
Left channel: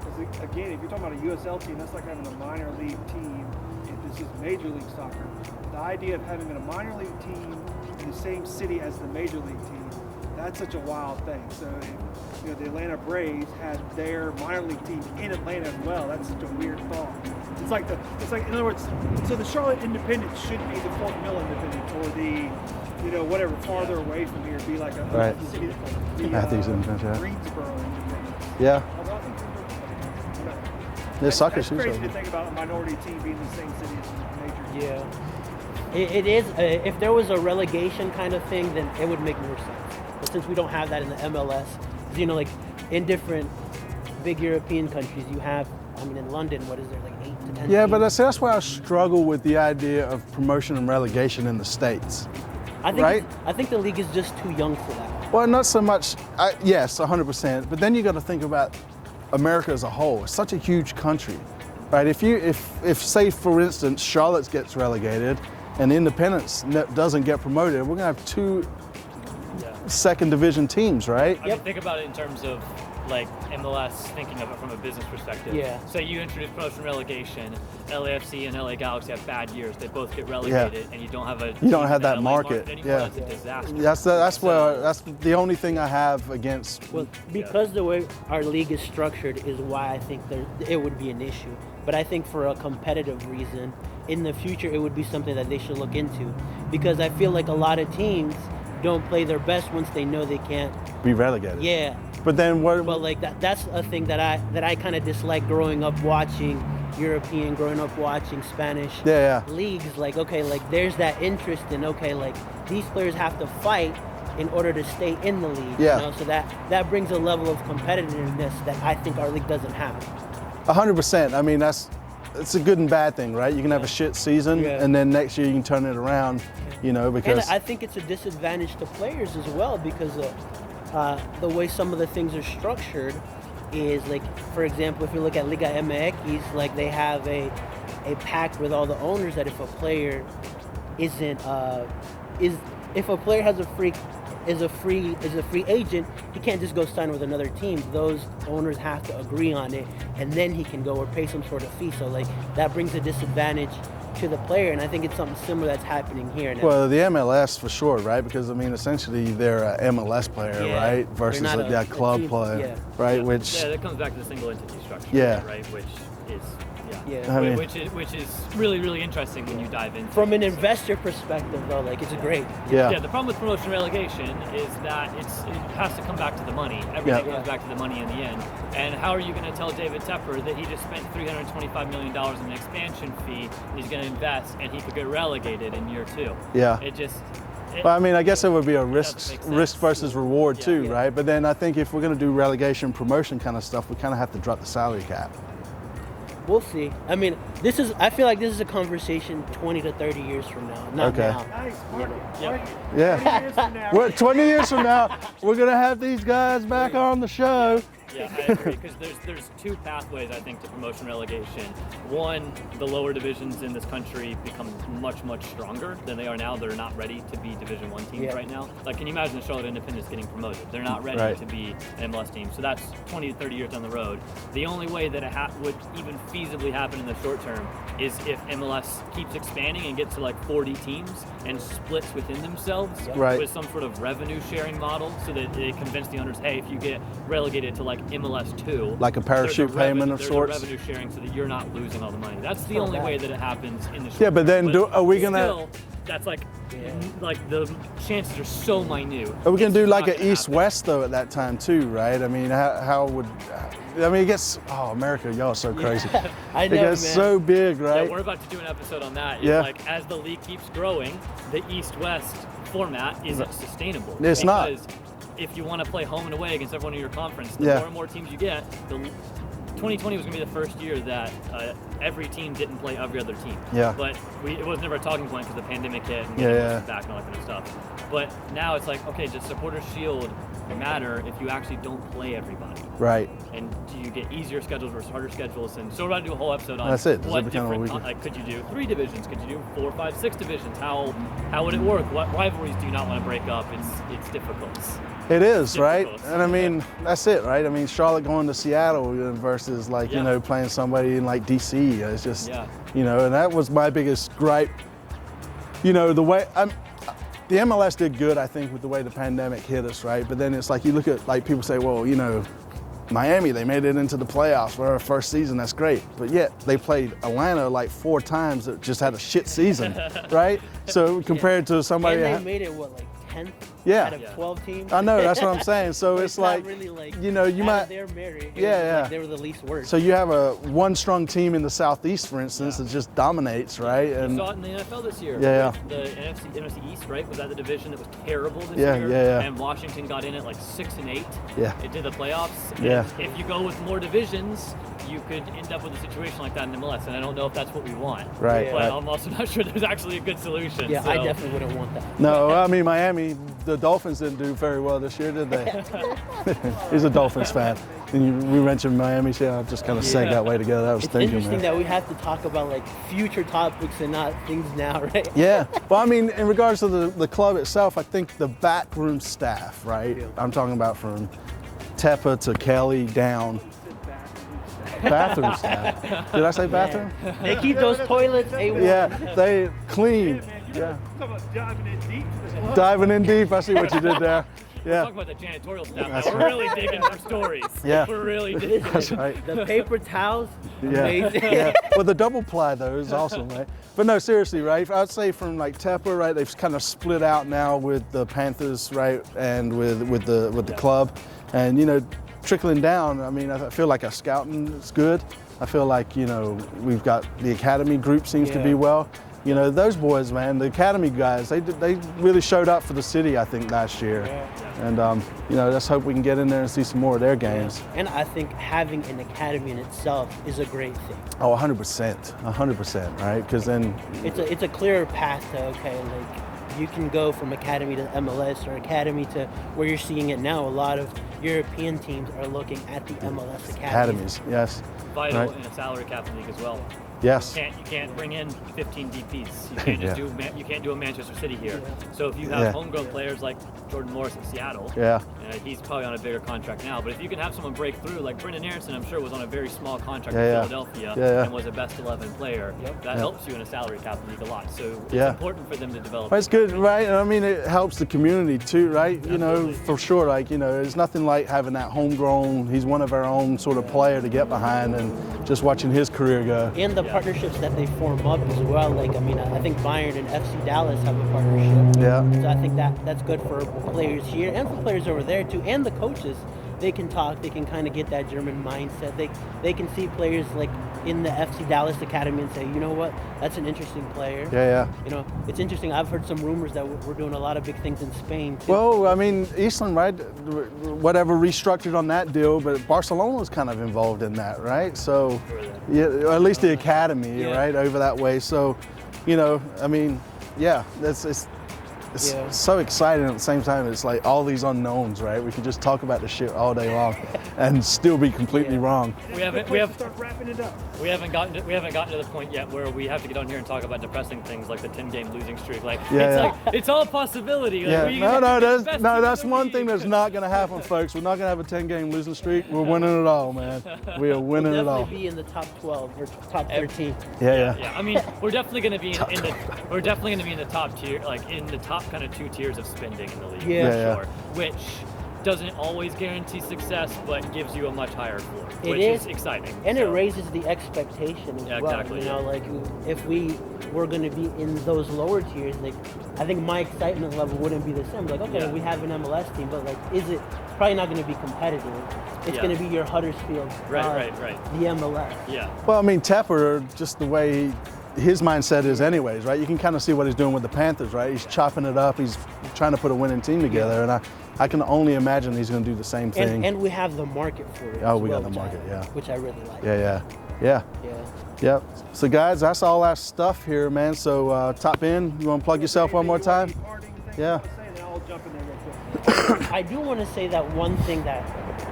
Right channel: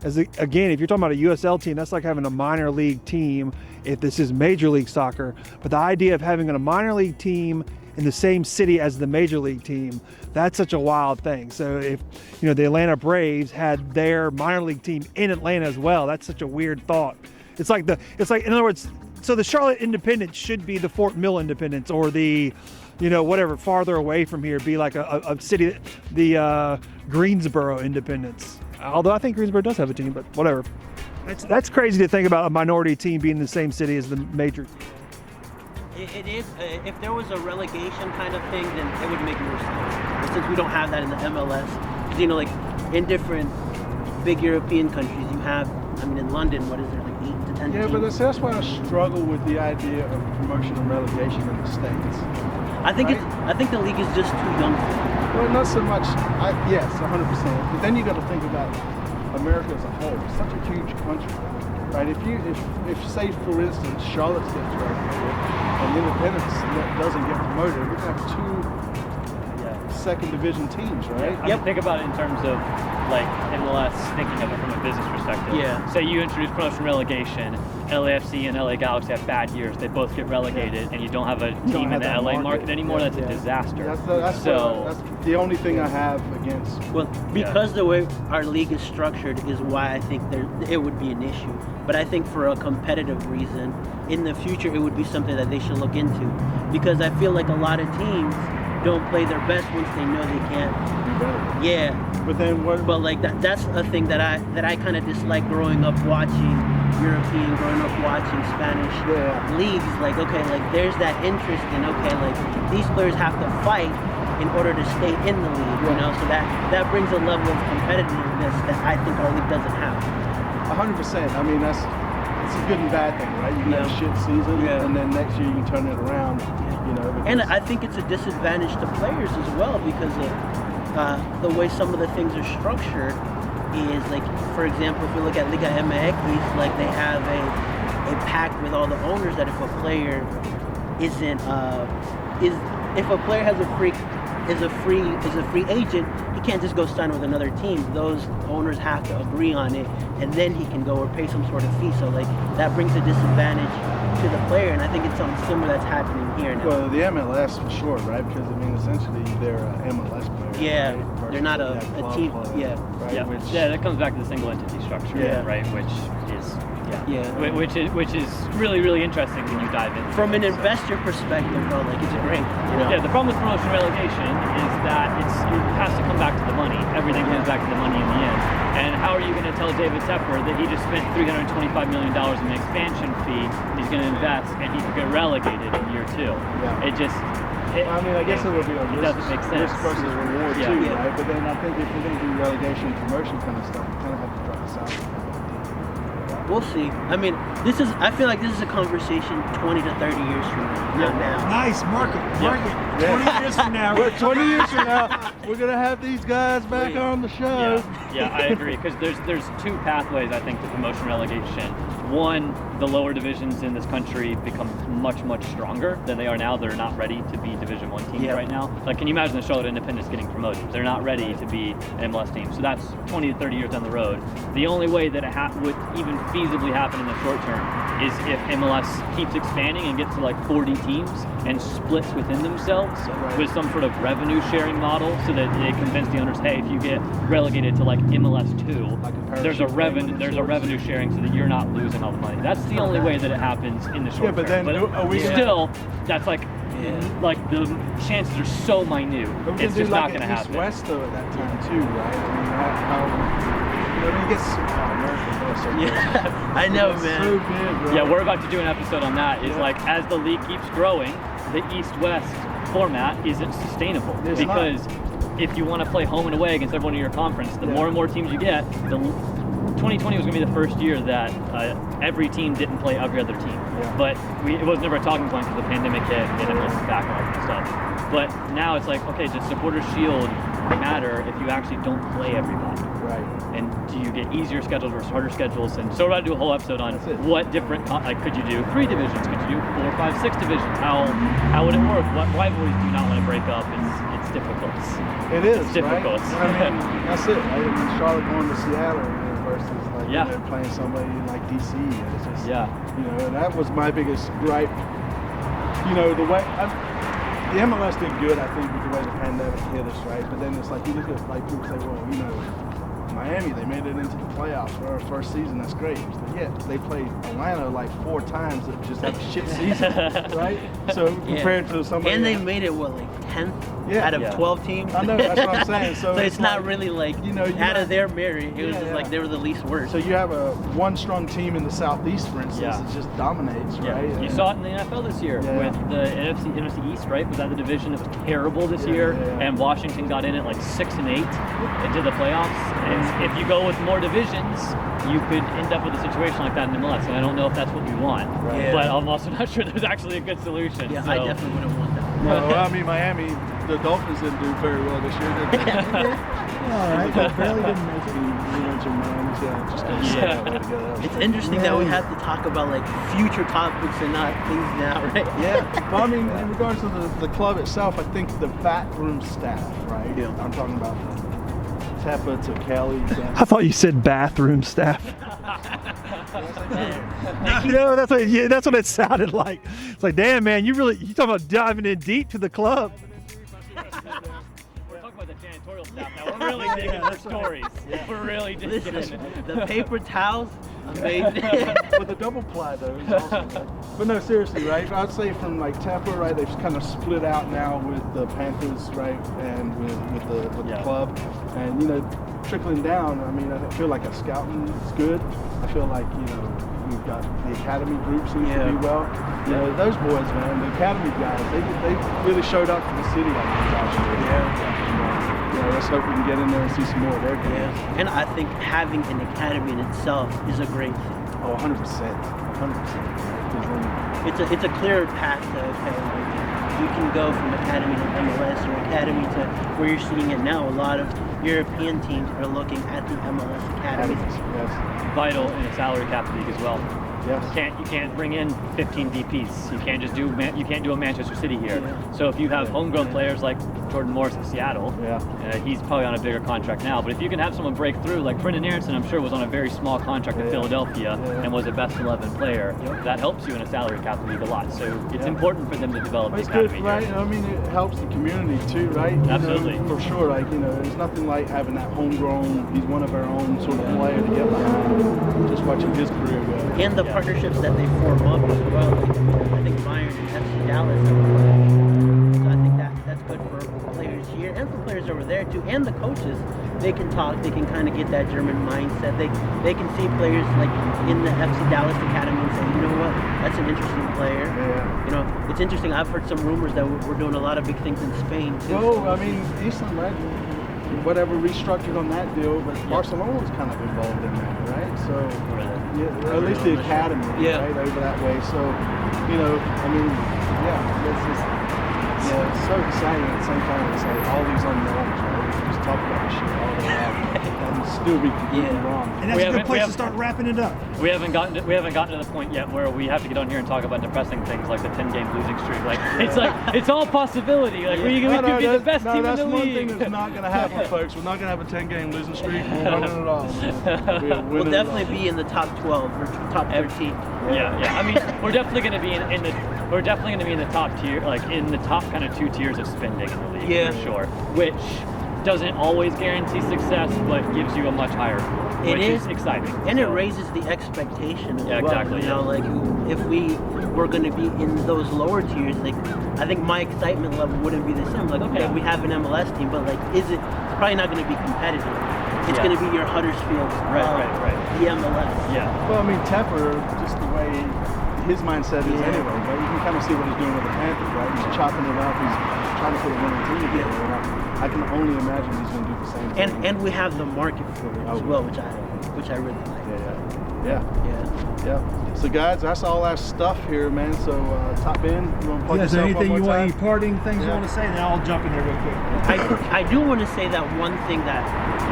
is, again, if you're talking about a USL team, that's like having a minor league team if this is Major League Soccer. But the idea of having a minor league team in the same city as the Major League team, that's such a wild thing. So if the Atlanta Braves had their minor league team in Atlanta as well, that's such a weird thought. It's like in other words, so the Charlotte Independence should be the Fort Mill Independence, or the whatever farther away from here, be like a Right. city, the Independence, yeah. Greensboro Independence. Yeah. Although I think Greensboro does have a team, but whatever. Soccer That's teams crazy are- to think about a minority team being in the same city as the major. Yeah. It is. If there was a relegation kind of thing, then it would make more sense. Since we don't have that in the MLS, 'cause, like in different big European countries, you have. I mean, in London, what is there, like 8 to 10? Yeah, but teams? that's why I struggle with the idea of promotion and relegation in the States. I think right? I think the league is just too young for that. Well, not so much. Yes, 100%. But then you got to think about America as a whole. It's such a huge country, right? If say for instance Charlotte gets relegated and Independence doesn't get promoted, we're gonna have two second division teams, right? I mean, think about it in terms of like MLS, thinking of it from a business perspective. Yeah. Say you introduce promotion relegation, LAFC and LA Galaxy have bad years, they both get relegated, and you don't have a team don't in have the that LA market. market anymore. Yeah. That's a disaster. That's So- that's the only thing I have against. Well, because the way our league is structured is why I think it would be an issue. But I think for a competitive reason, in the future, it would be something that they should look into. Because I feel like a lot of teams don't play their best once they know they can't. Be relegated. Yeah, But then what? but like that's a thing that I kind of dislike growing up watching European, growing up watching Spanish Yeah. leagues. Like, okay, like there's that interest in, okay, like these players have to fight in order to stay in the league. Yeah. So that brings a level of competitiveness that I think our league doesn't have. 100%. I mean, it's a good and bad thing, right? You can have a shit season, Yeah. and then next year you can turn it around. And Because I think it's a disadvantage to players as well because of the way some of the things are structured is like, for example, if you look at Liga MX, like they have a pact with all the owners that if a player isn't if a player has is a free agent, he can't just go sign with another team. Those owners have to agree on it, and then he can go or pay some sort of fee. So like that brings a disadvantage to the player, and I think it's something similar that's happening here now. well, the MLS for sure, right? Because I mean, essentially they're an MLS player, Yeah. right? Versus You're not a a club team. player, Yeah. right? Yeah. Which Yeah, that comes back to the single entity structure, Yeah. right? Which is Yeah. I mean- which is really, really interesting when you dive in. From an investor perspective, though, like it's great. Yeah, the problem with promotion relegation is that it has to come back to the money. Everything Yeah. comes back to the money in the end. And how are you going to tell David Tepper that he just spent $325 million in an expansion fee, he's going to invest, and he could get relegated in year 2? Yeah. It just... But I mean, I guess it would be a doesn't make sense. risk versus reward Yeah. too, Yeah. right? But then I think if we're going to do relegation promotion kind of stuff, we kind of have to drop the salary cap. We'll see. I mean, I feel like this is a conversation 20 to 30 years from now. Not Okay. now. Nice market. Yeah. 20 years from now. Well, 20 years from now, we're going to have these guys back on the show. Yeah, I agree. Because there's two pathways, I think, to promotion relegation. One, the lower divisions in this country become much, much stronger than they are now. They're not ready to be Division I teams Yeah. right now. Like, can you imagine the Charlotte Independence getting promoted? They're not ready Right. to be an MLS team. So that's 20 to 30 years down the road. The only way that it would even feasibly happen in the short term is if MLS keeps expanding and gets to like 40 teams and splits within themselves with some sort of revenue sharing model, so that it convinces the owners, hey, if you get relegated to like MLS 2, like a parachute there's a revenue sharing so that you're not losing all the money. That's the only way that it happens in the short term. But then are we gonna still? That's like the chances are so minute. But we can do like an East-West though at that time too, right? I mean, I mean, it gets American y'all so crazy. I know, it's man. so big, right? Yeah, we're about to do an episode on that. It's like as the league keeps growing, the East-West format isn't sustainable. It's because if you want to play home and away against everyone in your conference, the more and more teams you get, 2020 was going to be the first year that every team didn't play every other team. Yeah. But it was never a talking point because the pandemic hit, back and all that stuff. But now it's like, okay, does Supporters Shield matter if you actually don't play everybody? Right. And do you get easier schedules versus harder schedules? And so we're about to do a whole episode on what different, like, could you do 3 divisions? Could you do 4, 5, 6 divisions? How would it work? What rivalries do you not want to break up? It's difficult. It is, right? And I mean, that's it, right? I mean, Charlotte going to Seattle versus like, you know, playing somebody in like DC. It's just, you know, and that was my biggest gripe. You know, the way, the MLS did good, I think, with the way the pandemic hit us, right? But then it's like, you look at, like, people say, well, you know, Miami, they made it into the playoffs for our first season, that's great. But yet, they played Atlanta like 4 times that just had a shit season, right? So compared to somebody... And they made it, what, like 10th out of 12 teams? I know, that's what I'm saying. So it's not like, really like, you know, out of their merit, it was like they were the least worst. So you have one strong team in the Southeast, for instance, that just dominates, right? You saw it in the NFL this year with the NFC East, right? Was that the division that was terrible this year? And Washington got in at like 6 and 8 and did the playoffs. And if you go with more divisions, you could end up with a situation like that in MLS. And I don't know if that's what we want. Right. But I'm also not sure there's actually a good solution. Yeah, I definitely wouldn't want that. No, I mean, Miami, the Dolphins didn't do very well this year, did they? He's a Dolphins fan. You mentioned Miami, so I'm just going to say that way together. That was interesting that we have to talk about like future topics and not youth now, right? Yeah, well, I mean, in regards to the club itself, I think the backroom staff, right? I'm talking about from Teppa to Kelly down. I thought you said bathroom staff. Bathroom staff. Did I say bathroom? That's what it sounded like. Clean. Like, damn, man, you talking about diving in deep to the club. Diving in deep. I see what you did there. We're talking about the janitorial staff. We're really digging our stories. We're really digging. That's right. The paper towels. Well, the double ply though is awesome, right? But no, seriously, right? I would say from like Teppa, right? They've kind of split out now with the Panthers, right, and with the club, and you know, trickling down. I mean, I feel like our scouting is good. I feel like, you know, we've got the academy group seems to be well. You know, those boys, man, the academy guys, they really showed up for the city, I think, last year. And, you know, let's hope we can get in there and see some more of their games. And I think having an academy in itself is a great thing. Oh, 100%, 100%, right? Because then... It's a clearer path to, okay, you can go from academy to MLS or academy to where you're seeing it now. A lot of European teams are looking at the MLS academies. Yes. Vital in a salary cap league as well. Yes. You can't bring in 15 DPs. You can't just you can't do a Manchester City here. So if you have homegrown players like Jordan Morris in Seattle, he's probably on a bigger contract now. But if you can have someone break through, like Brendan Aronson, I'm sure was on a very small contract in Philadelphia and was a best 11 player. That helps you in a salary cap league a lot. So it's important for them to develop. It's good, right? I mean, it helps the community too, right? Absolutely. You know, for sure. Like, you know, it's nothing like having that homegrown. He's one of our own sort of player to get behind, and just watching his career go. And the partnerships that they form up as well. Like, I mean, I think Bayern and FC Dallas have a partnership. So I think that's good for players here and for players over there too, and the coaches. They can talk. They can kind of get that German mindset. They can see players like in the FC Dallas academy and say, you know what, that's an interesting player. You know, it's interesting. I've heard some rumors that we're doing a lot of big things in Spain too. Well, I mean, Eastland, right? Whatever restructured on that deal, but Barcelona was kind of involved in that, right? So, or at least the academy, right, over that way. So, you know, I mean, it's just it's so exciting. At the same time, it's like all these unknowns, right? We can just talk about this shit all day long and still be completely wrong. And that's a good place to start wrapping it up. We haven't gotten to the point yet where we have to get on here and talk about depressing things like the 10-game losing streak. Like it's all possibility. Like, that's one thing that's not going to happen, folks. We're not going to have a 10-game losing streak. We're winning it all, man. We'll definitely be in the top 12 or top 13. Yeah. I mean, we're definitely going to be we're definitely going to be in the top tier, like in the top kind of 2 tiers of spending in the league. Sure. Which doesn't always guarantee success, but gives you a much higher floor, which is exciting. And it raises the expectation as well. Exactly. You know, like if we were going to be in those lower tiers, like I think my excitement level wouldn't be the same. Like, okay, we have an MLS team, but like, is it probably not going to be competitive? It's going to be your Huddersfield, right. The MLS. Yeah. Well, I mean, Tepper, just the way his mindset is anyways, right? You can kind of see what he's doing with the Panthers, right? He's chopping it up. He's trying to put a winning team together, and I can only imagine he's going to do the same thing. And we have the market for it as well, which I really like. Yeah. So guys, that's all our stuff here, man. So Top End, you want to plug yourself one more time? Any parting things you want to say? Then I'll jump in there real quick. I do want to say that one thing that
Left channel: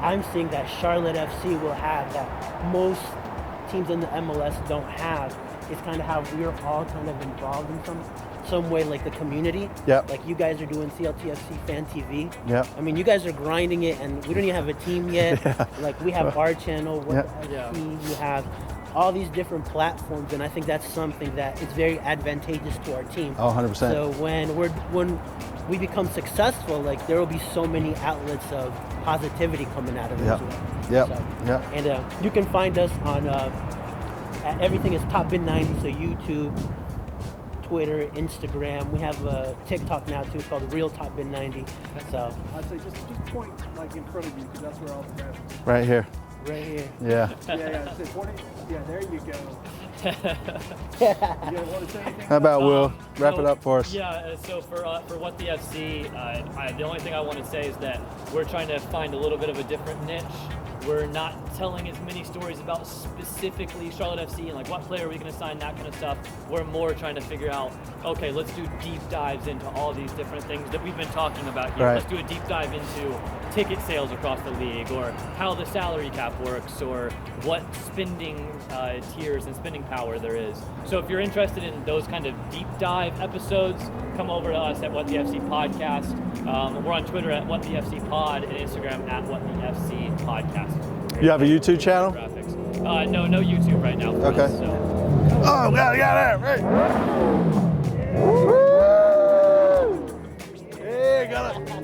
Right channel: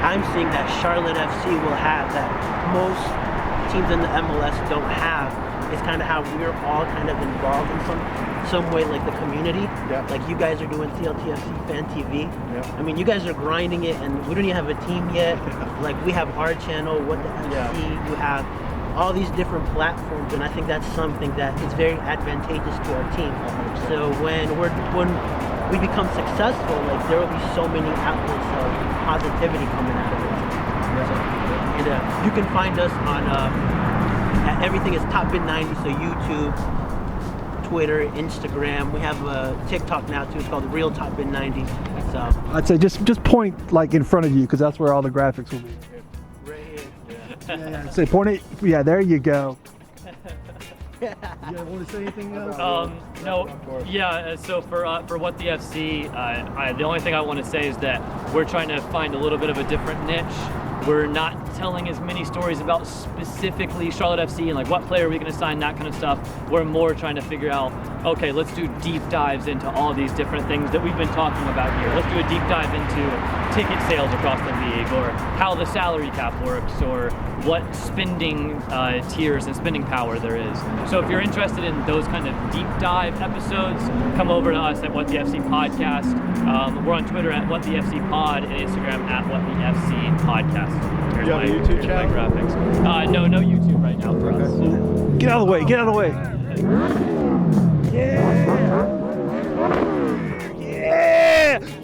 I'm seeing that Charlotte FC will have that most teams in the MLS don't have is kind of how we're all kind of involved in some way, like the community. Yeah. Like you guys are doing CLTFC Fan TV. Yeah. I mean, you guys are grinding it, and we don't even have a team yet. Like we have our channel, What the FANTV, we have all these different platforms, and I think that's something that is very advantageous to our team. 100%. So when we become successful, like there will be so many outlets of positivity coming out of it. And you can find us on everything is Top Bin 90, so YouTube, Twitter, Instagram. We have a TikTok now too. It's called Real Top Bin 90. So I'd say just point like in front of you, because that's where all the graphics will be. Right here. Right here. Yeah. So point it. Yeah, there you go. You want to say anything? How about Will wrap it up for us? Yeah. So for What the FC, the only thing I want to say is that we're trying to find a little bit of a different niche. We're not telling as many stories about specifically Charlotte FC and like what player are we going to sign, that kind of stuff. We're more trying to figure out, okay, let's do deep dives into all these different things that we've been talking about here. Let's do a deep dive into ticket sales across the league, or how the salary cap works, or what spending tiers and spending power there is. So if you're interested in those kind of deep dive episodes, come over to us at What the FC Podcast. We're on Twitter at What the FC Pod and Instagram at What the FC Podcast. You have a YouTube channel? No YouTube right now. Okay. So. Get out of the way. Get out of the way.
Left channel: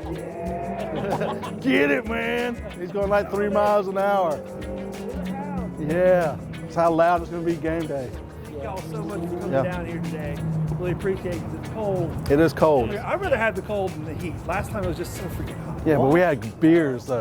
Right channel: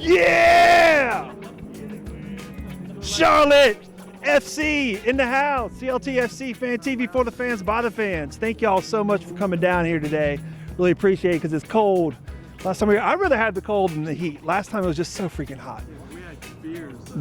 Yeah. Get it, man. He's going like Charlotte 3 miles an hour. FC in the house. CLTFC Fan TV for the fans, by the fans. Thank y'all so much for coming down here today. Really appreciate it, because it's cold. It is cold. I'd rather have the cold than the heat. Last time it was just so freaking hot. Yeah, but we had beers though.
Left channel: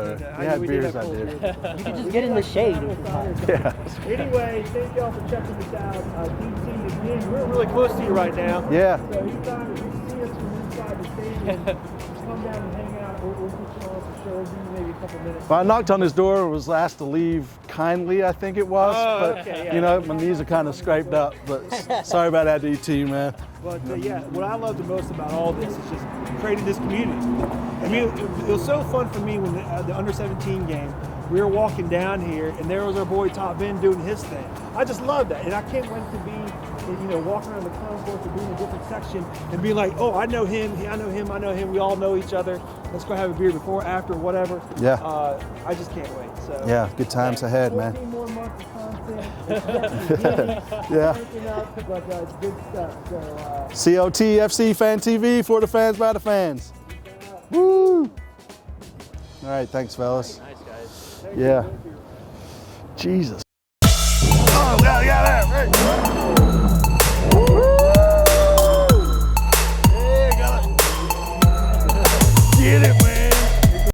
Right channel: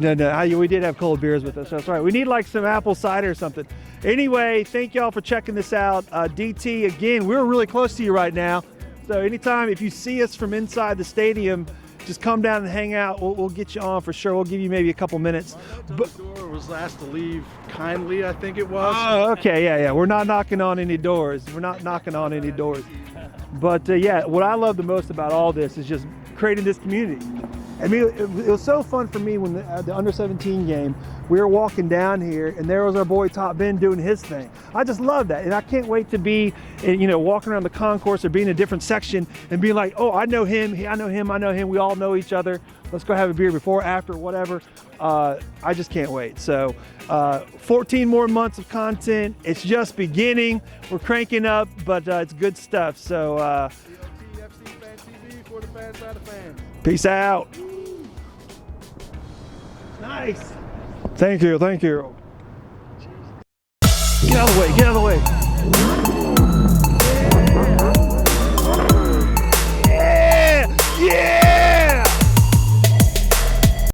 We did have cold beers with us. That's right. We need like some apple cider or something. Anyway, thank y'all for checking this out. DT, again, we're really close to you right now. Yeah. So anytime, if you see us from inside the stadium, just come down and hang out. We'll get you on for sure. We'll give you maybe a couple minutes. Well, I knocked on his door and was asked to leave kindly, I think it was. Oh, okay, yeah. We're not knocking on any doors. We're not knocking on any doors. Sorry about that, DT, man. But yeah, what I love the most about all this is just creating this community. I mean, it was so fun for me when the under-17 game, we were walking down here, and there was our boy Top Ben doing his thing. I just love that, and I can't wait to be, walking around the concourse or be in a different section and be like, oh, I know him, I know him, I know him. We all know each other. Let's go have a beer before, after, whatever. Yeah. I just can't wait. So yeah, good times ahead. 14 more months of content. It's just beginning. We're cranking up, but it's good stuff. So CLTFC Fan TV for the fans by the fans. Peace out. Woo! All right, thanks, fellas. Nice. Thank you. Jesus. Get out of the way.